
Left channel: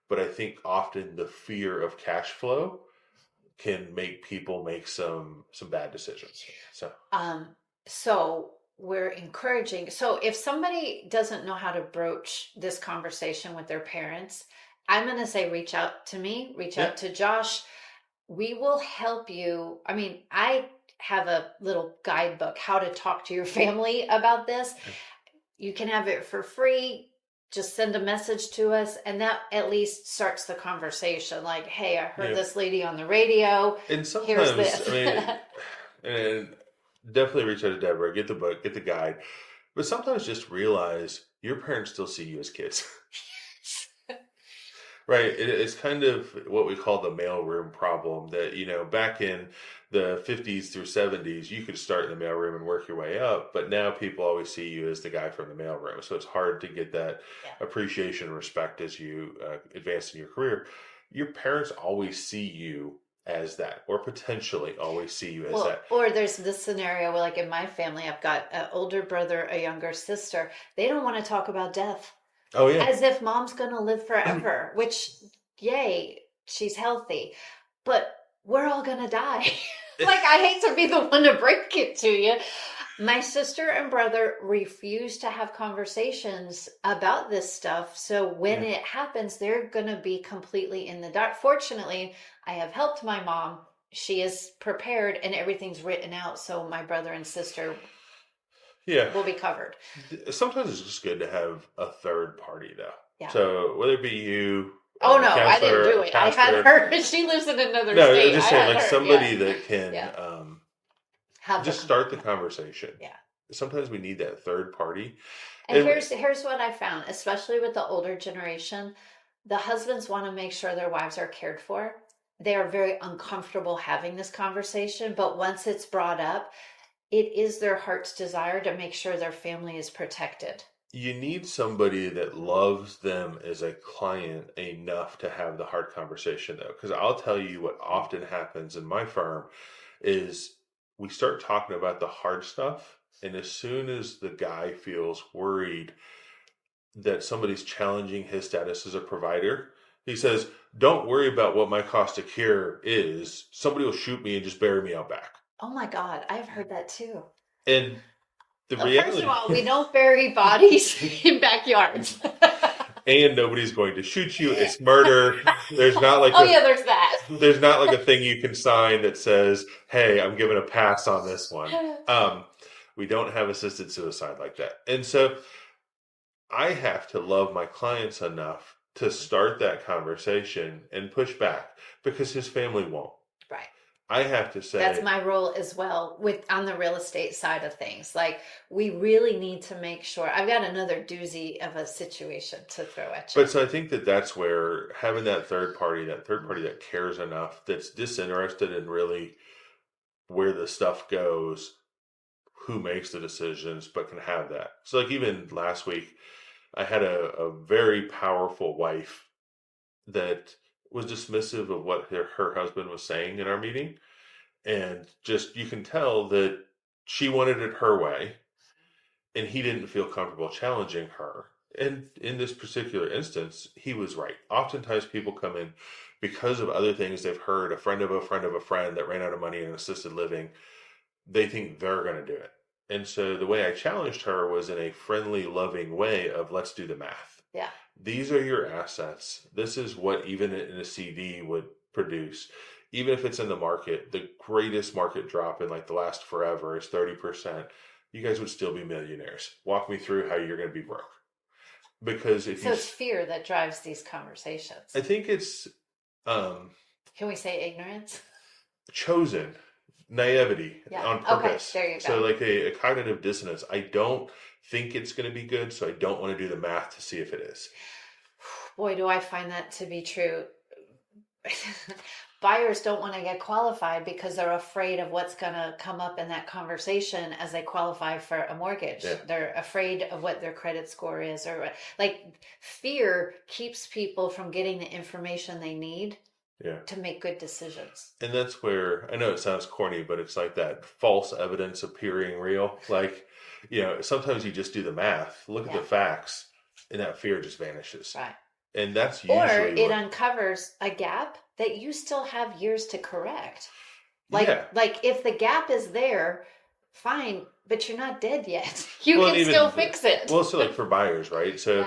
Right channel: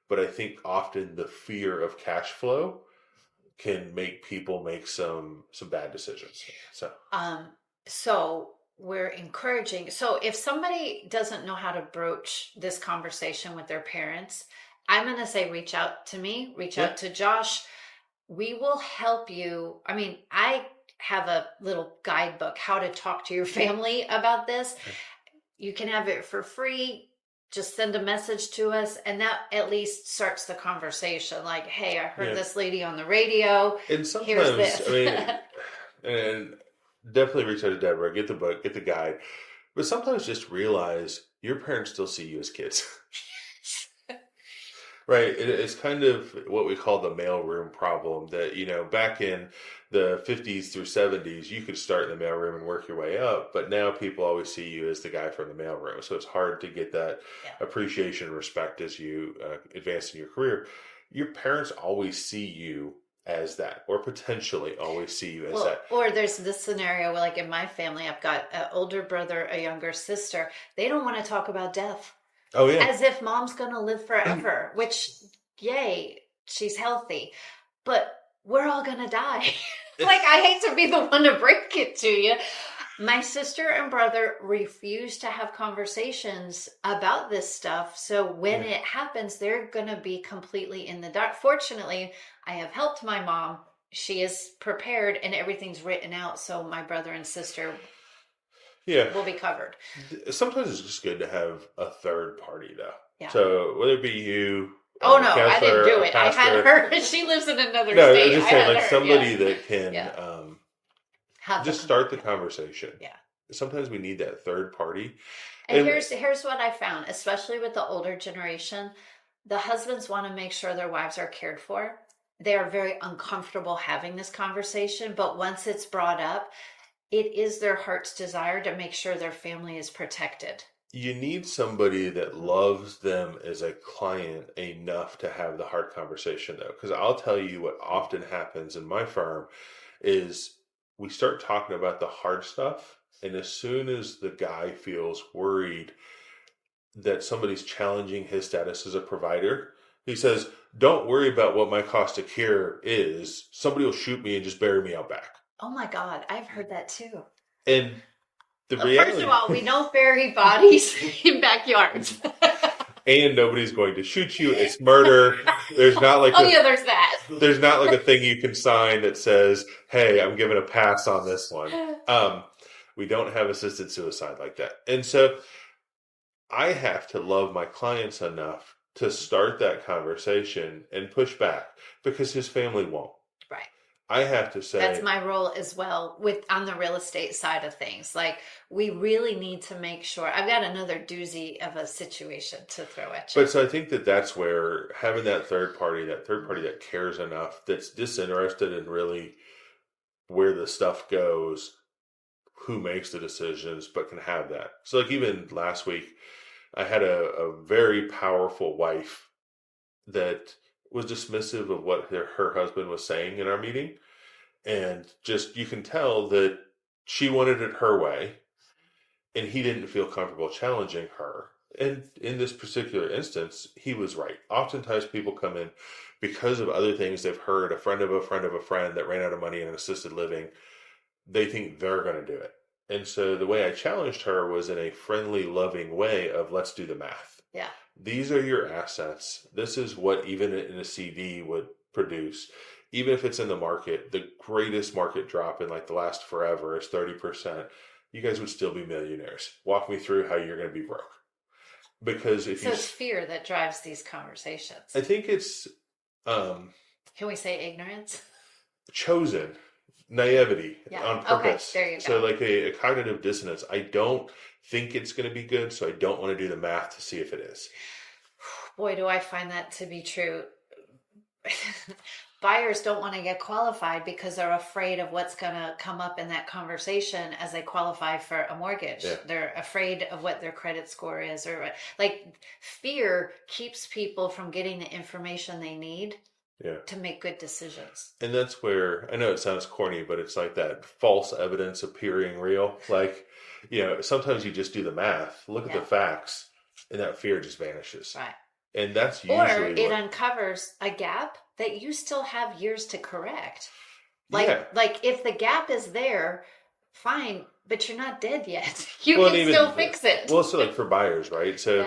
But I think often the fear of cash flow can make people make some bad decisions. So Um, so we're encouraging. So if somebody doesn't know how to broach this conversation with their parents, I'm going to say reach out to me, reach yeah, out to Josh. We will help you. I mean, I have a little guidebook how to talk to your family about this. okay. You can have it for free. Just send a message to us, and that at least starts the conversation. Like, hey, I heard Yeah. this lady on the radio. And Here's sometimes, I this. mean, and definitely reach out to Deborah, get the book, get the guide. But sometimes just realize your parents still see you as kids. Right. It's kind of what we call the mailroom problem that, back in the 50s through 70s, you could start in the mailroom and work your way up. But now people always see you as the guy from the mailroom. So it's hard to get that Yeah. appreciation and respect as you advance in your career. Your parents always see you as that, or potentially always see you as Well, that. or there's this scenario where, like in my family, I've got an older brother, a younger sister. They don't want to talk about death, Oh, yeah. as if mom's going to live forever, which, yay, she's healthy. But we're all going to die. Like, I hate to be the one to break it to you. My sister and brother refuse to have conversations about this stuff. So when Yeah. it happens, they're going to be completely in the dark. Fortunately, I have helped my mom. She is prepared and everything's written out. So my brother and sister Yeah. will be covered. Sometimes it's just good to have a third party, though. Yeah. So whether it be you, Oh a no, I didn't counselor, do a it. I had pastor. her. She lives in another No, I'm state. I just saying, had like her. Yeah. somebody that can Yeah. Have the just start the conversation. yeah. Sometimes we need that third party. And And here's what I found, especially with the older generation, the husbands want to make sure their wives are cared for. They are very uncomfortable having this conversation, but once it's brought up, it is their heart's desire to make sure their family is protected. you need somebody that loves them as a client enough to have the hard conversation, though. Because I'll tell you what often happens in my firm is we start talking about the hard stuff. And as soon as the guy feels worried that somebody's challenging his status as a provider, he says, "Don't worry about what my cost of care is. Somebody will shoot me and just bury me out back." Oh my God, I've heard that too. And the First of reality, all, we don't bury bodies in backyards. and nobody's going to shoot you. It's murder. There's not like Oh yeah, there's that. there's not like a thing you can sign that says, "Hey, I'm giving a pass on this one." We don't have assisted suicide like that, and so I have to love my clients enough to start that conversation and push back because his family won't. Right. I have to That's say, my role as well with on the real estate side of things. Like we really need to make sure. I've got another doozy of a situation to throw at you. but so I think that that's where having that third party that cares enough, that's disinterested in really where the stuff goes, who makes the decisions, but can have that. So, like, even last week, I had a very powerful wife that was dismissive of what her husband was saying in our meeting. And just, you can tell that she wanted it her way, and he didn't feel comfortable challenging her. And in this particular instance, he was right. Oftentimes, people come in because of other things they've heard, a friend of a friend of a friend that ran out of money in assisted living. They think they're going to do it. And so the way I challenged her was in a friendly, loving way of, let's do the math. Yeah. These are your assets. This is what even in a CD would produce. Even if it's in the market, the greatest market drop in like the last forever is 30%. You guys would still be millionaires. Walk me through how you're going to be broke. Because if So it's fear that drives these conversations. I think it's Can we say ignorance? chosen naivety on purpose. Okay, there you go. So like a cognitive dissonance. I don't think it's going to be good, so I don't want to do the math to see if it is. Boy, do I find that to be true. Buyers don't want to get qualified because they're afraid of what's going to come up in that conversation as they qualify for a mortgage. Yeah. They're afraid of what their credit score is, or like fear keeps people from getting the information they need to make good decisions. And that's where, I know it sounds corny, but it's like that false evidence appearing real. Like, sometimes you just do the math, look at the facts, and that fear just vanishes. Right. And that's usually Or it uncovers a gap that you still have years to correct. Like if the gap is there, fine, but you're not dead yet. You can still fix it. Well, so like for buyers, right? So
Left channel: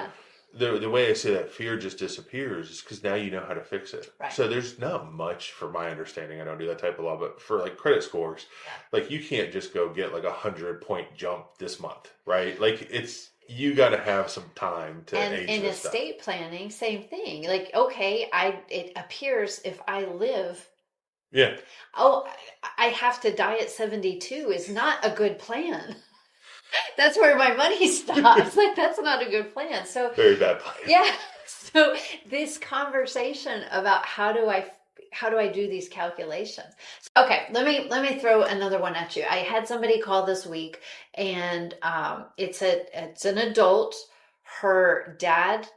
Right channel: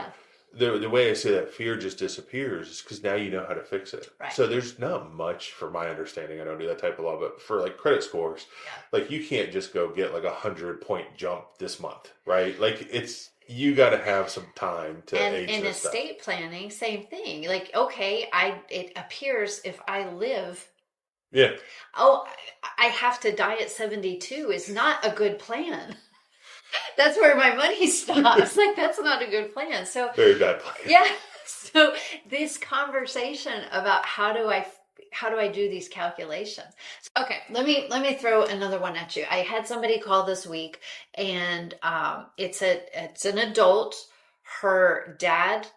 the way I say that fear just disappears is because now you know how to fix it. Right. So there's not much, for my understanding, I don't do that type of law, but for like credit scores, like you can't just go get like 100-point jump this month, right? Like you got to have some time to age and this estate stuff. planning, same thing. Like, okay, it appears if I live, I have to die at 72 is not a good plan. That's where my money stops. Like, that's not a good plan. So very bad plan. Yeah. So this conversation about how do I do these calculations? Okay, let me throw another one at you. I had somebody call this week, and it's an adult. Her dad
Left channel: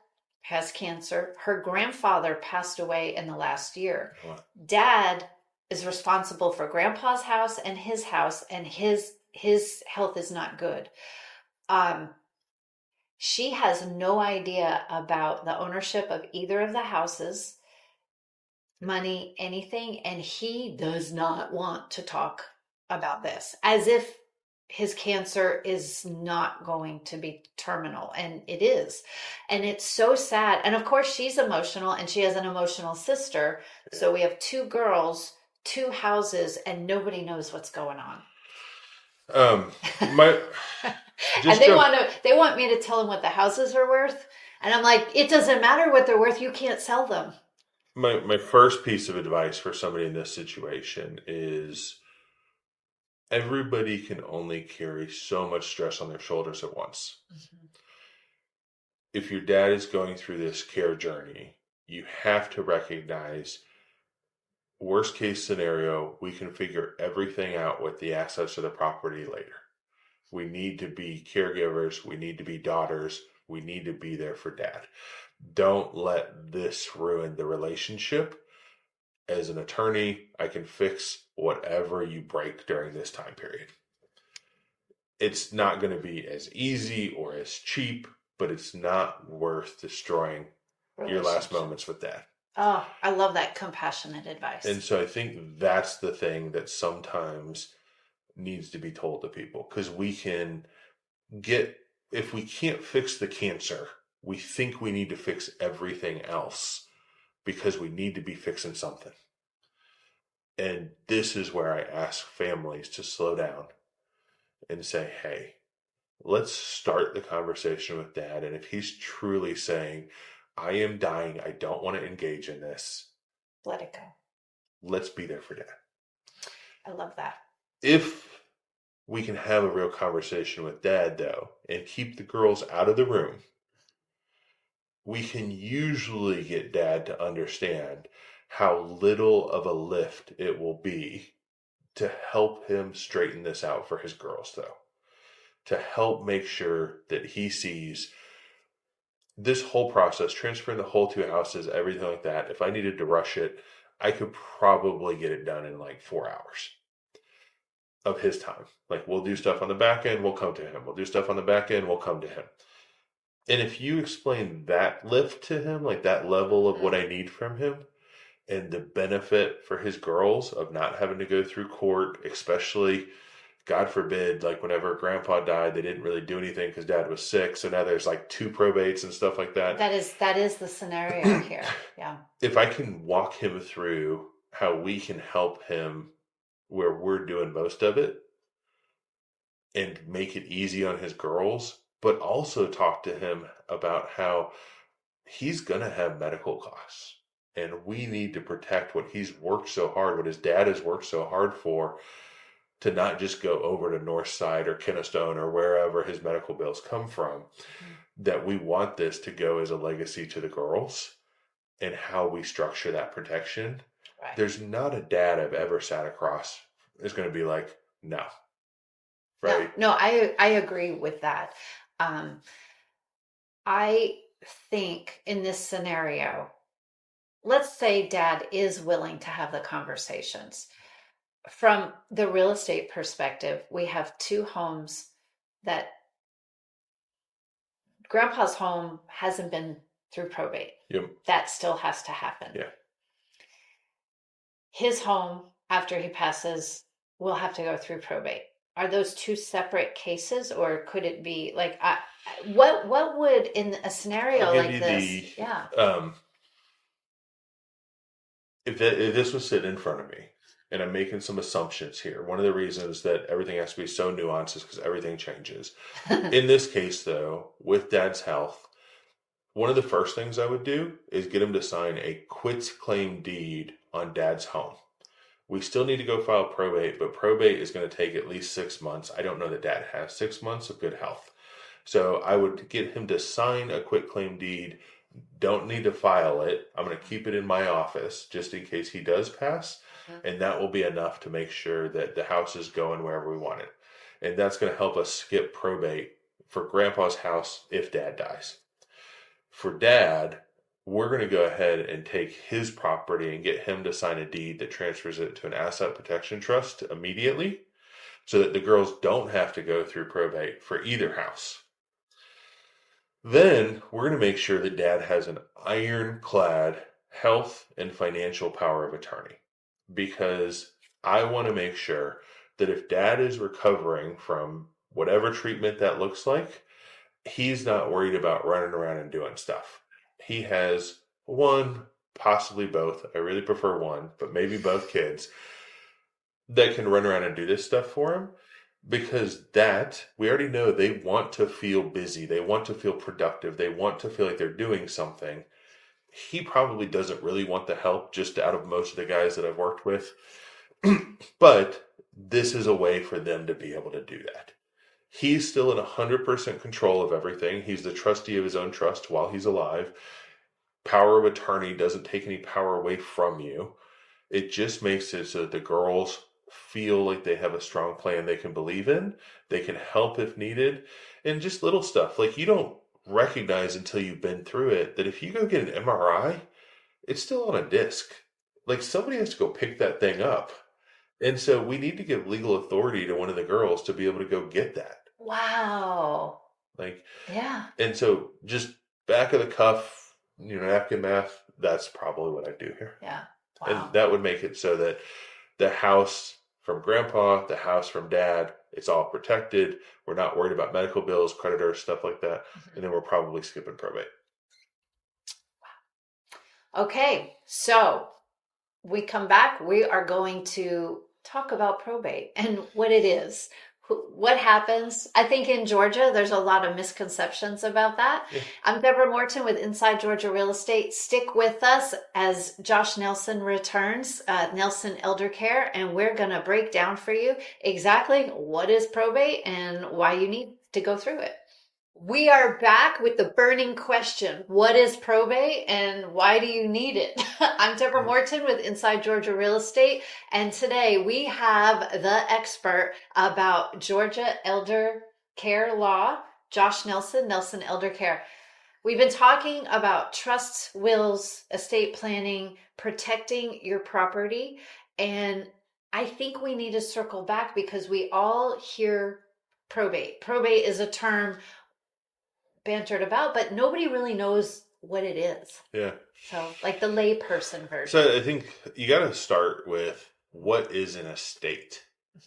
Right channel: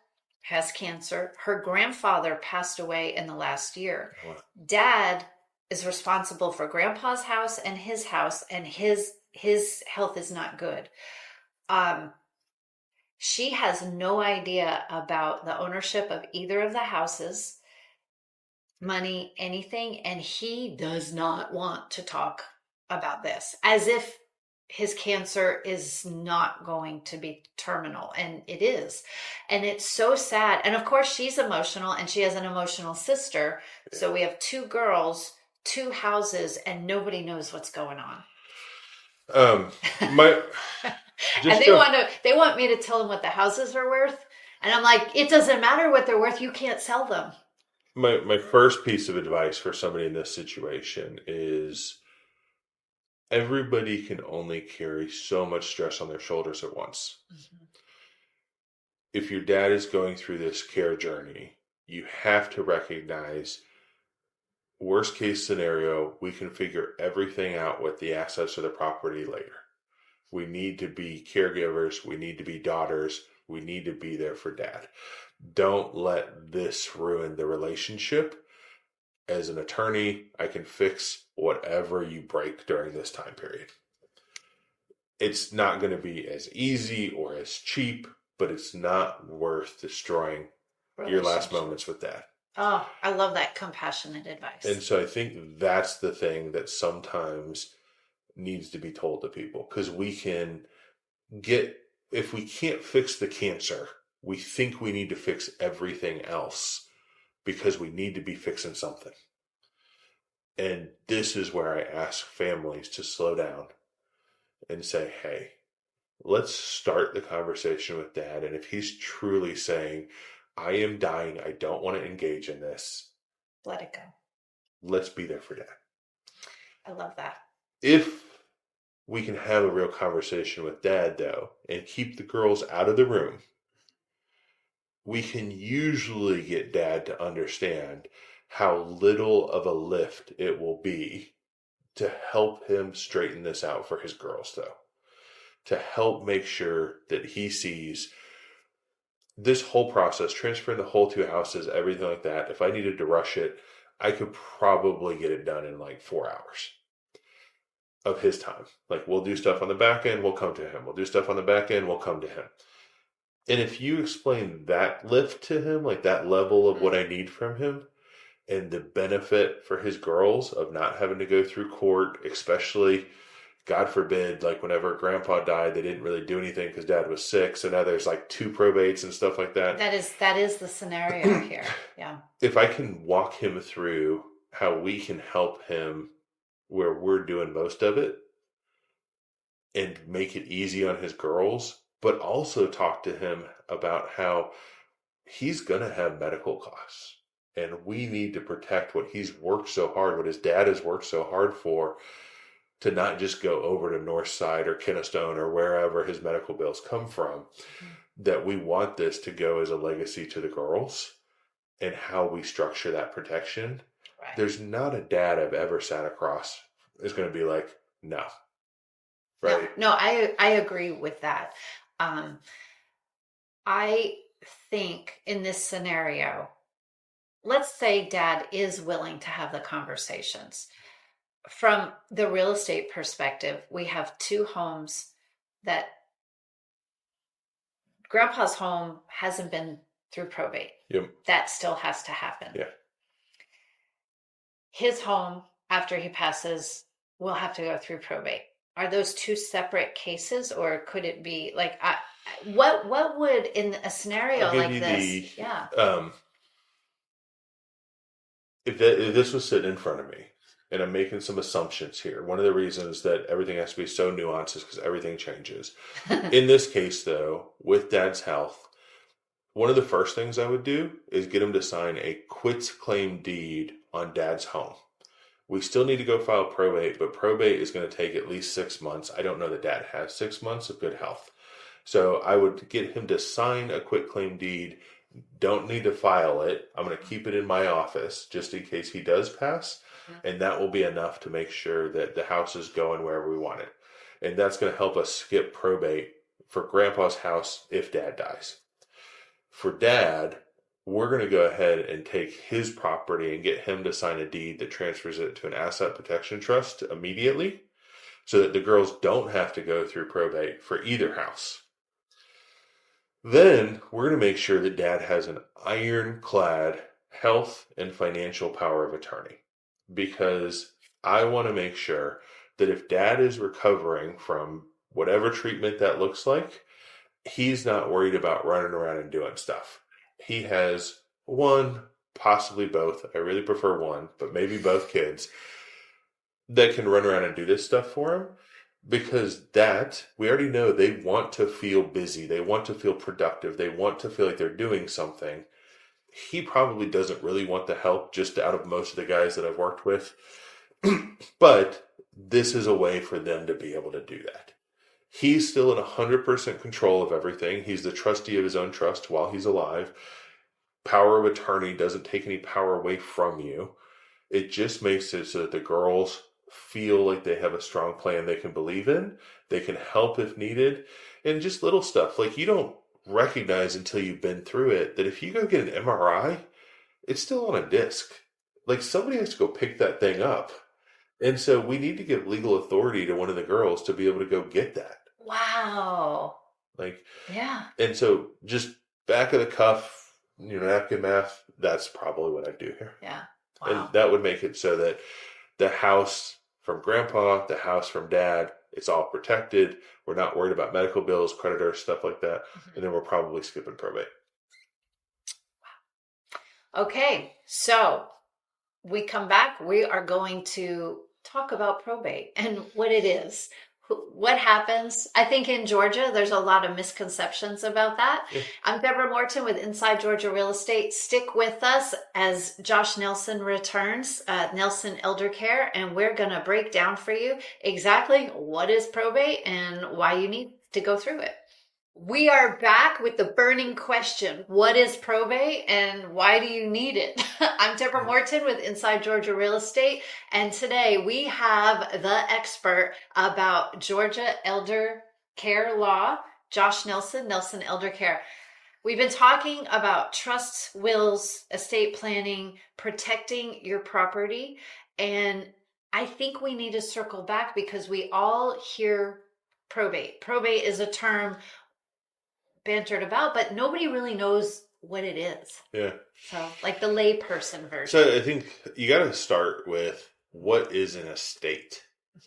has cancer. Her grandfather passed away in the last year. What? Dad is responsible for grandpa's house, and his health is not good. She has no idea about the ownership of either of the houses, money, anything, and he does not want to talk about this, as if his cancer is not going to be terminal, and it is. And it's so sad. And of course, she's emotional, and she has an emotional sister. So we have 2 girls, 2 houses, and nobody knows what's going on. And they want me to tell them what the houses are worth, and I'm like, it doesn't matter what they're worth. You can't sell them. My first piece of advice for somebody in this situation is everybody can only carry so much stress on their shoulders at once. Mm-hmm. If your dad is going through this care journey, you have to recognize worst case scenario, we can figure everything out with the assets of the property later. We need to be caregivers. We need to be daughters. We need to be there for dad. Don't let this ruin the relationship. As an attorney, I can fix whatever you break during this time period. It's not going to be as easy or as cheap, but it's not worth destroying your last moments with dad. Oh, I love that compassionate advice. And so I think that's the thing that sometimes needs to be told to people, because if we can't fix the cancer, we think we need to fix everything else because we need to be fixing something. And this is where I ask families to slow down and say, hey, let's start the conversation with dad. And if he's truly saying, I am dying, I don't want to engage in this, let it go. Let's be there for dad. I love that. If we can have a real conversation with dad, though, and keep the girls out of the room, we can usually get dad to understand how little of a lift it will be to help him straighten this out for his girls, though. to help make sure that he sees this whole process, transferring the whole two houses, everything like that. If I needed to rush it, I could probably get it done in like 4 hours of his time. Like, we'll do stuff on the back end, we'll come to him. We'll do stuff on the back end, we'll come to him. And if you explain that lift to him, like that level of what I need from him, and the benefit for his girls of not having to go through court, especially, God forbid, like whenever grandpa died, they didn't really do anything because dad was sick. So now there's like 2 probates and stuff like that. That is the scenario here. Yeah. If I can walk him through how we can help him where we're doing most of it and make it easy on his girls, but also talk to him about how he's going to have medical costs. And we need to protect what he's worked so hard, what his dad has worked so hard for, to not just go over to Northside or Kennestone or wherever his medical bills come from. That we want this to go as a legacy to the girls, and how we structure that protection. Right. There's not a dad I've ever sat across is going to be like, no. Right? No, I agree with that. I think in this scenario, let's say dad is willing to have the conversations. From the real estate perspective, we have 2 homes that grandpa's home hasn't been through probate. Yep. That still has to happen. Yeah. His home, after he passes, will have to go through probate. Are those 2 separate cases, or could it be like, what would, in a scenario like this? Yeah. If this was sitting in front of me, and I'm making some assumptions here, one of the reasons that everything has to be so nuanced is because everything changes. In this case, though, with dad's health, one of the first things I would do is get him to sign a quitclaim deed on dad's home. We still need to go file probate, but probate is going to take at least 6 months. I don't know that dad has 6 months of good health. So I would get him to sign a quitclaim deed. Don't need to file it. I'm going to keep it in my office just in case he does pass. And that will be enough to make sure that the house is going wherever we want it. And that's going to help us skip probate for grandpa's house if dad dies. For dad, we're going to go ahead and take his property and get him to sign a deed that transfers it to an asset protection trust immediately, so that the girls don't have to go through probate for either house. Then we're going to make sure that dad has an ironclad health and financial power of attorney, because I want to make sure that if dad is recovering from whatever treatment that looks like, he's not worried about running around and doing stuff. He has one, possibly both. I really prefer one, but maybe both kids that can run around and do this stuff for him, because that, we already know they want to feel busy. They want to feel productive. They want to feel like they're doing something. He probably doesn't really want the help, just out of most of the guys that I've worked with. But this is a way for them to be able to do that. He's still in 100% control of everything. He's the trustee of his own trust while he's alive. Power of attorney doesn't take any power away from you. It just makes it so that the girls feel like they have a strong plan they can believe in. They can help if needed. And just little stuff. Like, you don't recognize until you've been through it that if you go get an MRI, it's still on a disc. Like, somebody has to go pick that thing up. And so we need to give legal authority to one of the girls to be able to go get that. Wow. Like, yeah. And so just back of the cuff, napkin math, that's probably what I do here. Yeah. Wow. And that would make it so that the house from grandpa, the house from dad, it's all protected. We're not worried about medical bills, creditors, stuff like that. Mm-hmm. And then we're probably skipping probate. Okay. So we come back. We are going to talk about probate and what it is. What happens? I think in Georgia, there's a lot of misconceptions about that. Yeah. I'm Deborah Morton with Inside Georgia Real Estate. Stick with us as Josh Nelson returns, Nelson Elder Care, and we're going to break down for you exactly what is probate and why you need to go through it. We are back with the burning question. What is probate and why do you need it? I'm Deborah Morton with Inside Georgia Real Estate. And today we have the expert about Georgia elder Care Law, Josh Nelson, Nelson Elder Care. We've been talking about trusts, wills, estate planning, protecting your property. And I think we need to circle back because we all hear probate. Probate is a term bantered about, but nobody really knows what it is. Yeah. So, like the layperson version. So I think you got to start with what is an estate.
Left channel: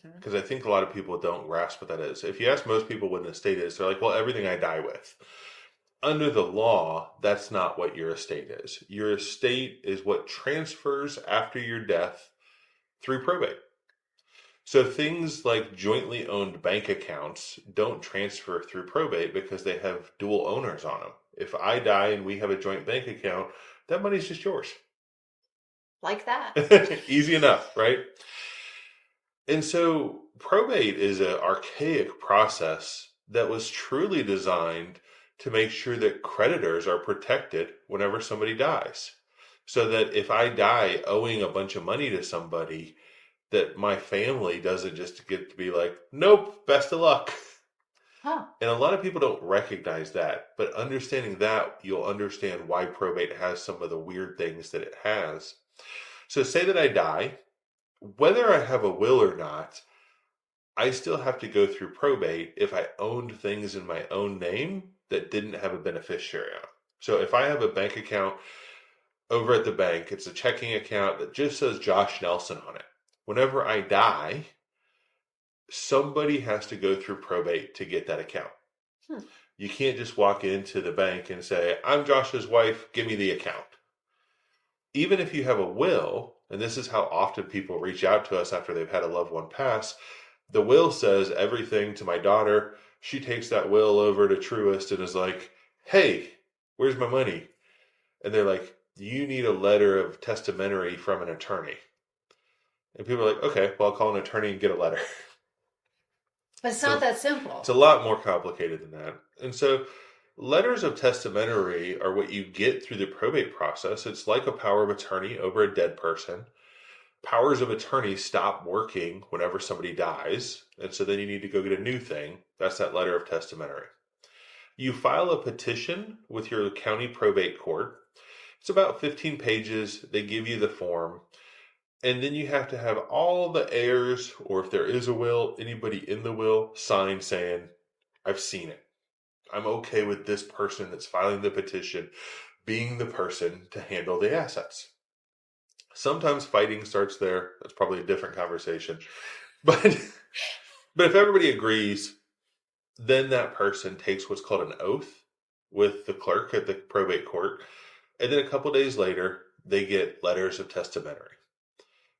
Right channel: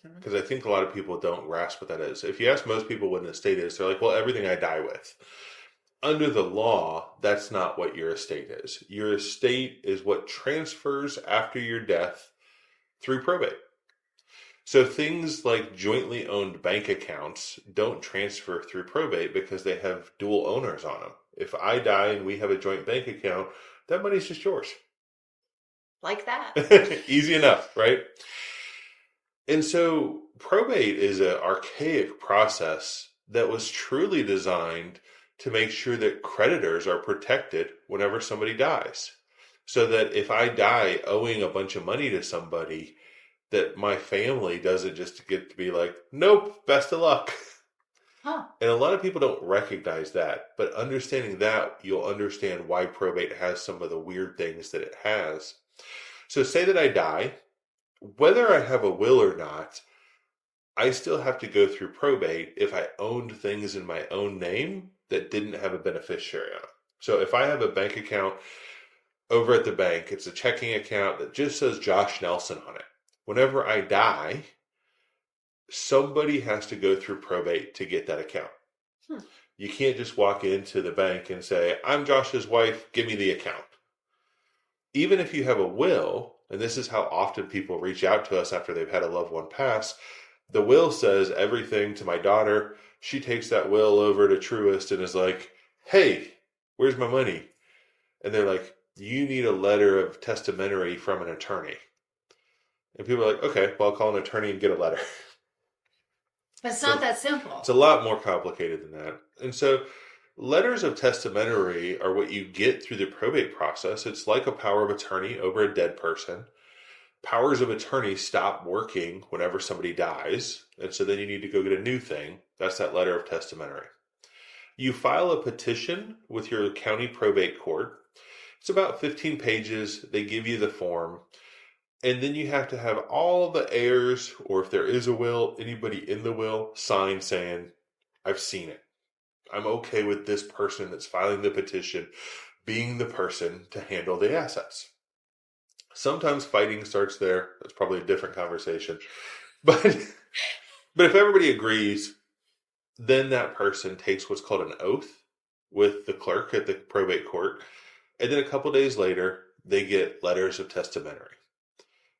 Mhm. Because I think a lot of people don't grasp what that is. If you ask most people what an estate is, they're like, well, everything I die with. Under the law, that's not what your estate is. Your estate is what transfers after your death through probate. So things like jointly owned bank accounts don't transfer through probate because they have dual owners on them. If I die and we have a joint bank account, that money's just yours. Like that. Easy enough, right? And so probate is an archaic process that was truly designed to make sure that creditors are protected whenever somebody dies. So that if I die owing a bunch of money to somebody, that my family doesn't just get to be like, nope, best of luck. Huh. And a lot of people don't recognize that. But understanding that, you'll understand why probate has some of the weird things that it has. So say that I die, whether I have a will or not, I still have to go through probate if I owned things in my own name that didn't have a beneficiary on them. So if I have a bank account over at the bank, it's a checking account that just says Josh Nelson on it. Whenever I die, somebody has to go through probate to get that account. You can't just walk into the bank and say, I'm Josh's wife, give me the account. Even if you have a will, and this is how often people reach out to us after they've had a loved one pass, the will says everything to my daughter. She takes that will over to Truist and is like, hey, where's my money? And they're like, you need a letter of testamentary from an attorney. And people are like, okay, well, I'll call an attorney and get a letter. But it's not that simple. It's a lot more complicated than that. And so letters of testamentary are what you get through the probate process. It's like a power of attorney over a dead person. Powers of attorney stop working whenever somebody dies. And so then you need to go get a new thing. That's that letter of testamentary. You file a petition with your county probate court. It's about 15 pages. They give you the form. And then you have to have all the heirs, or if there is a will, anybody in the will, sign saying, I've seen it. I'm okay with this person that's filing the petition being the person to handle the assets. Sometimes fighting starts there. That's probably a different conversation. But if everybody agrees, then that person takes what's called an oath with the clerk at the probate court. And then a couple days later, they get letters of testamentary.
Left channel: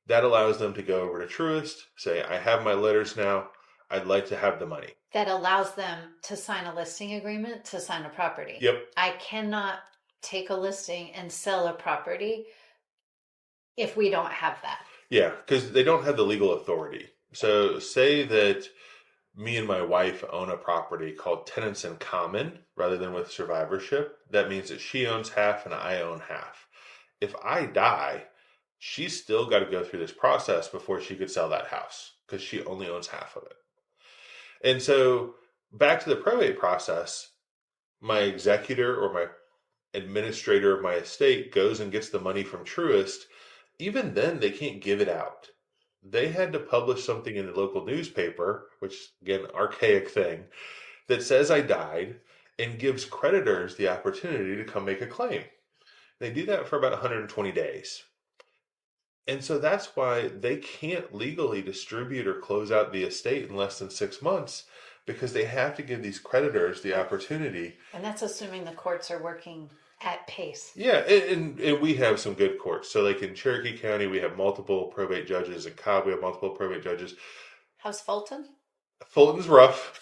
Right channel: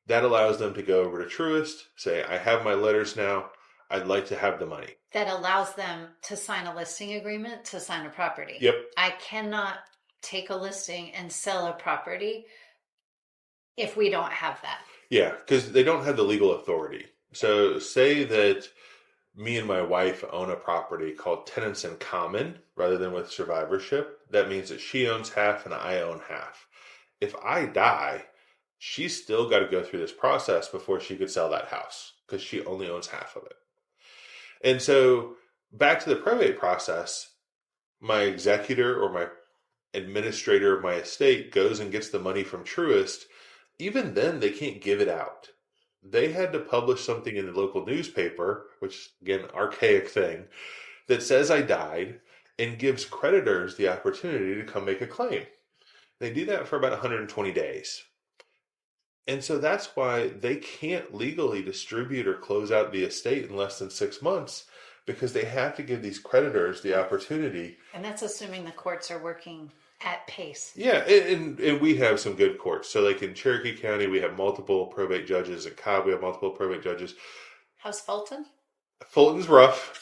That allows them to go over to Truist, say, I have my letters now. I'd like to have the money. That allows them to sign a listing agreement to sign a property. Yep. I cannot take a listing and sell a property if we don't have that. Yeah, because they don't have the legal authority. So say that me and my wife own a property called tenants in common rather than with survivorship. That means that she owns half and I own half. If I die, she's still got to go through this process before she could sell that house because she only owns half of it. And so back to the probate process, my executor or my administrator of my estate goes and gets the money from Truist. Even then, they can't give it out. They had to publish something in the local newspaper, which again, archaic thing, that says I died and gives creditors the opportunity to come make a claim. They do that for about 120 days. And so that's why they can't legally distribute or close out the estate in less than 6 months because they have to give these creditors the opportunity. And that's assuming the courts are working at pace. Yeah, and we have some good courts. So like in Cherokee County, we have multiple probate judges. In Cobb, we have multiple probate judges. How's Fulton? Fulton's rough,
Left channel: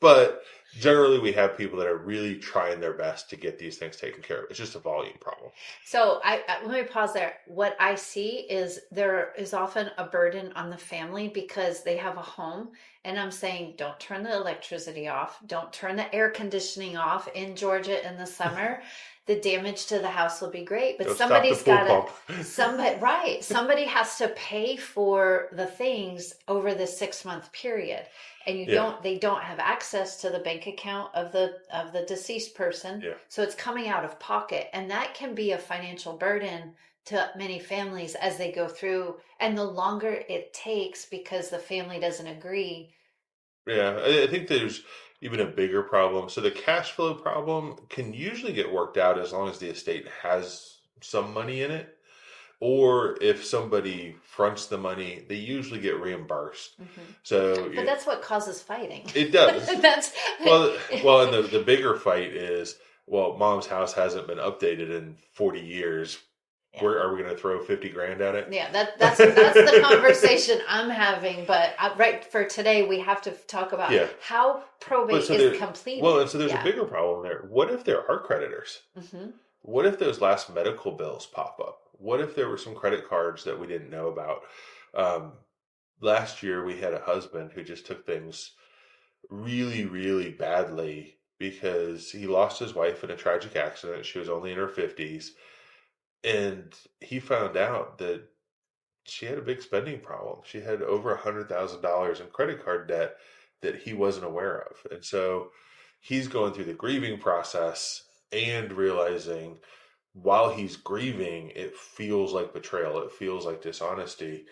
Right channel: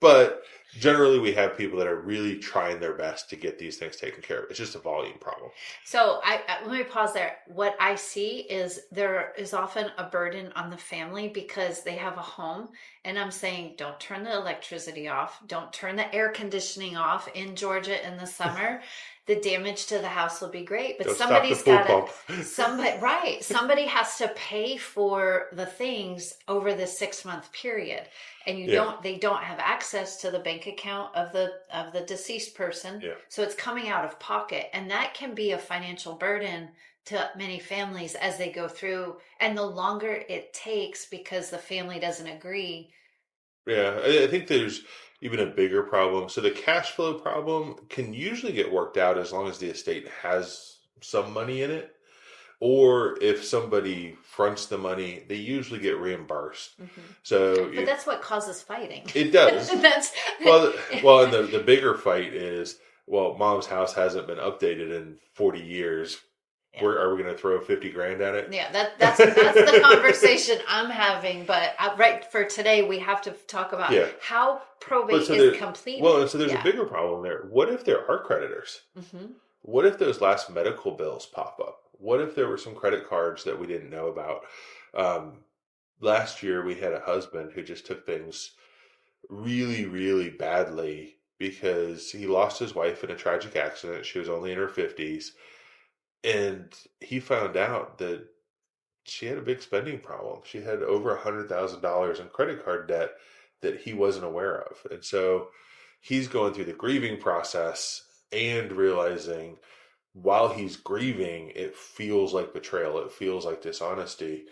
but generally we have people that are really trying their best to get these things taken care of. It's just a volume problem. So let me pause there. What I see is there is often a burden on the family because they have a home. And I'm saying, don't turn the electricity off. Don't turn the air conditioning off in Georgia in the summer. the damage to the house will be great, but Go stop the pool pump. somebody has to pay for the things over the 6 month period. And Yeah, they don't have access to the bank account of the deceased person. yeah. So it's coming out of pocket. And that can be a financial burden to many families as they go through. And the longer it takes because the family doesn't agree. Yeah, I think there's even a bigger problem. So the cash flow problem can usually get worked out as long as the estate has some money in it, or if somebody fronts the money, they usually get reimbursed. Mhm. So But that's what causes fighting. it does. That's Well, and the bigger fight is, well, mom's house hasn't been updated in 40 years. yeah. Where are we going to throw 50 grand at it? Yeah, that's the conversation I'm having. But right for today, we have to talk about Yeah. how But probate so is completed. well, and so there's a Yeah. bigger problem there. What if there are creditors? Hmm. What if those last medical bills pop up? What if there were some credit cards that we didn't know about? Um, Last year, we had a husband who just took things really, really badly because he lost his wife in a tragic accident. She was only in her 50s. And he found out that she had a big spending problem. She had over $100,000 in credit card debt that he wasn't aware of. And so he's going through the grieving process and realizing while he's grieving, it feels like betrayal. It feels like dishonesty.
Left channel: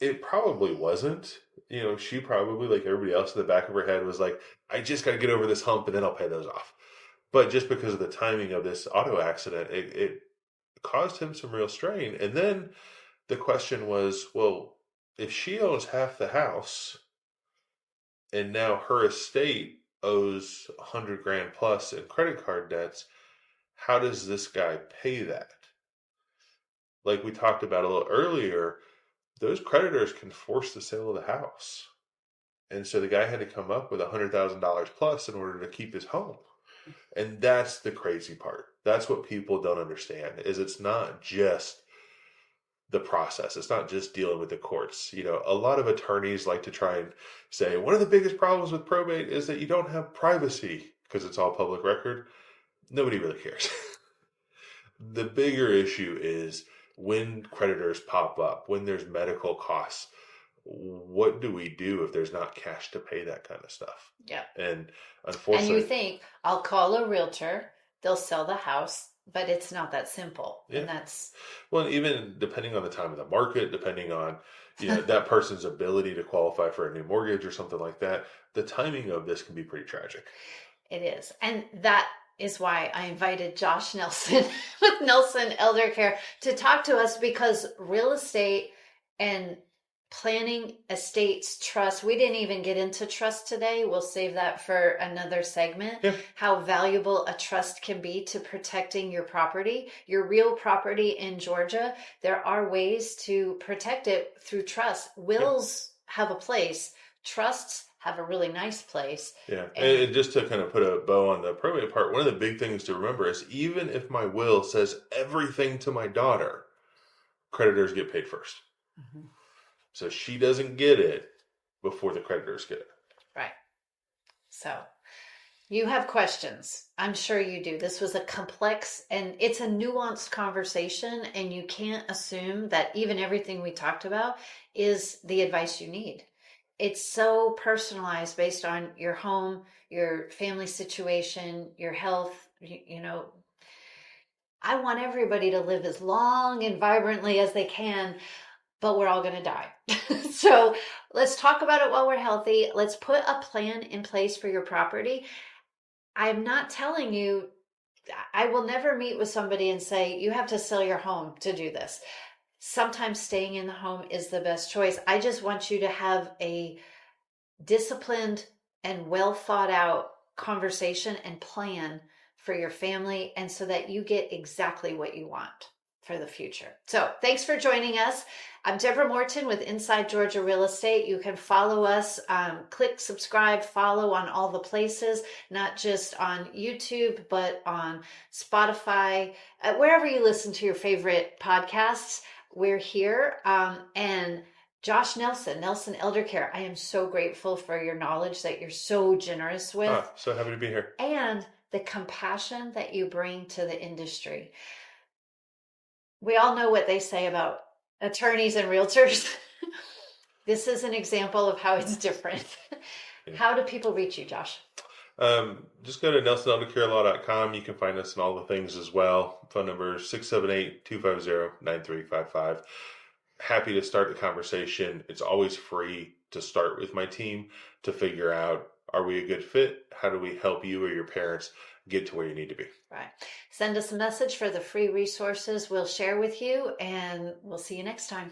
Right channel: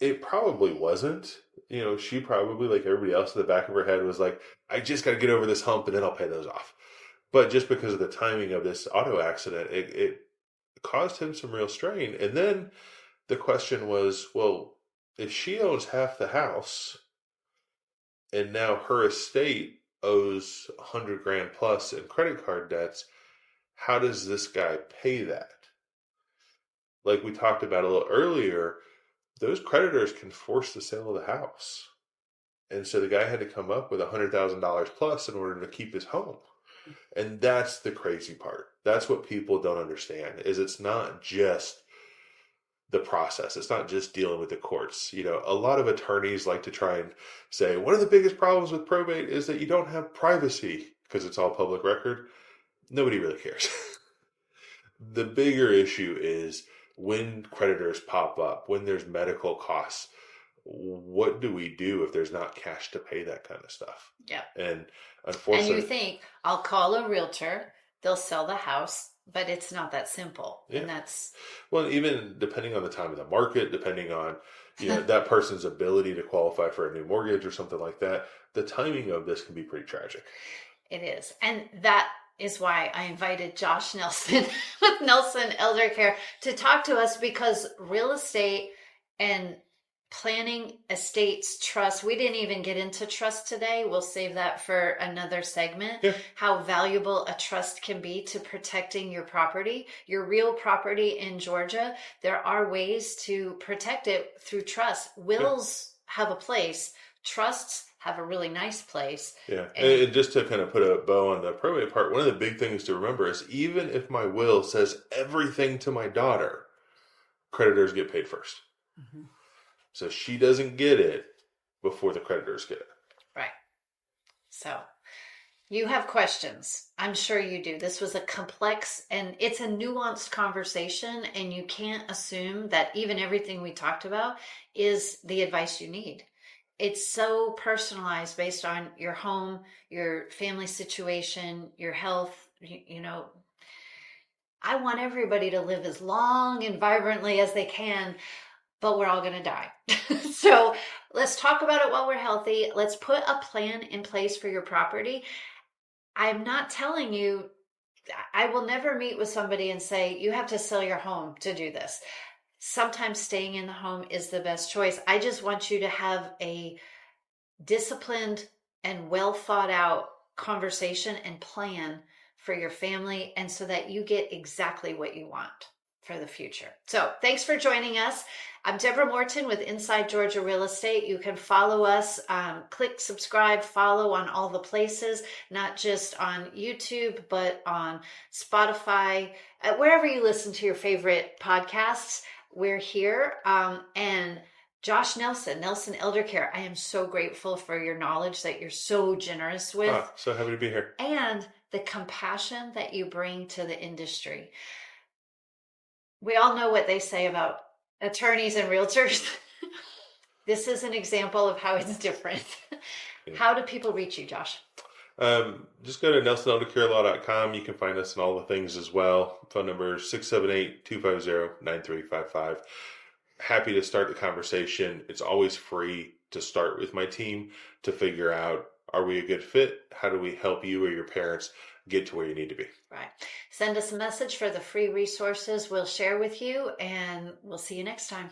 It probably wasn't. You know, she probably, like everybody else in the back of her head, was like, I just got to get over this hump and then I'll pay those off. But just because of the timing of this auto accident, it caused him some real strain. And then the question was, well, if she owns half the house and now her estate owes 100 grand plus in credit card debts, how does this guy pay that? Like we talked about a little earlier, those creditors can force the sale of the house. And so the guy had to come up with $100,000 plus in order to keep his home. And that's the crazy part. That's what people don't understand is it's not just the process. It's not just dealing with the courts. You know, a lot of attorneys like to try and say one of the biggest problems with probate is that you don't have privacy because it's all public record. Nobody really cares. The bigger issue is when creditors pop up, when there's medical costs, what do we do if there's not cash to pay that kind of stuff? Yeah. And And you unfortunately, think, I'll call a realtor, they'll sell the house, but it's not that simple. yeah. And that's Well, even depending on the time of the market, depending on, you know, that person's ability to qualify for a new mortgage or something like that, the timing of this can be pretty tragic. it is. And that is why I invited Josh Nelson with Nelson Elder Care to talk to us, because real estate and planning estates trust, we didn't even get into trust today. We'll save that for another segment. Yeah. How valuable a trust can be to protecting your property, your real property in Georgia. There are ways to protect it through trust. Wills have a place, trusts have a really nice place. Yeah. And just to kind of put a bow on the probate part, one of the big things to remember is even if my will says everything to my daughter, creditors get paid first. Mhm. So she doesn't get it before the creditors get it. Right. So you have questions. I'm sure you do. This was a complex and it's a nuanced conversation, and you can't assume that even everything we talked about is the advice you need. It's so personalized based on your home, your family situation, your health. You know, I want everybody to live as long and vibrantly as they can, but we're all going to die. So let's talk about it while we're healthy. Let's put a plan in place for your property. I'm not telling you, I will never meet with somebody and say, you have to sell your home to do this. Sometimes staying in the home is the best choice. I just want you to have a disciplined and well thought out conversation and plan for your family, and so that you get exactly what you want for the future. So thanks for joining us. I'm Deborah Morton with Inside Georgia Real Estate. You can follow us, click subscribe, follow on all the places, not just on YouTube, but on Spotify, wherever you listen to your favorite podcasts. We're here. And Josh Nelson, Nelson Elder Care, I am so grateful for your knowledge that you're so generous with. So happy to be here. And the compassion that you bring to the industry. We all know what they say about attorneys and realtors. This is an example of how it's different. Yeah. How do people reach you, Josh? Just go to nelsoneldercarelaw.com. You can find us in all the things as well. Phone number 678-250-9355. Happy to start the conversation. It's always free to start with my team to figure out, are we a good fit? How do we help you or your parents get to where you need to be? Right. Send us a message for the free resources we'll share with you, and we'll see you next time.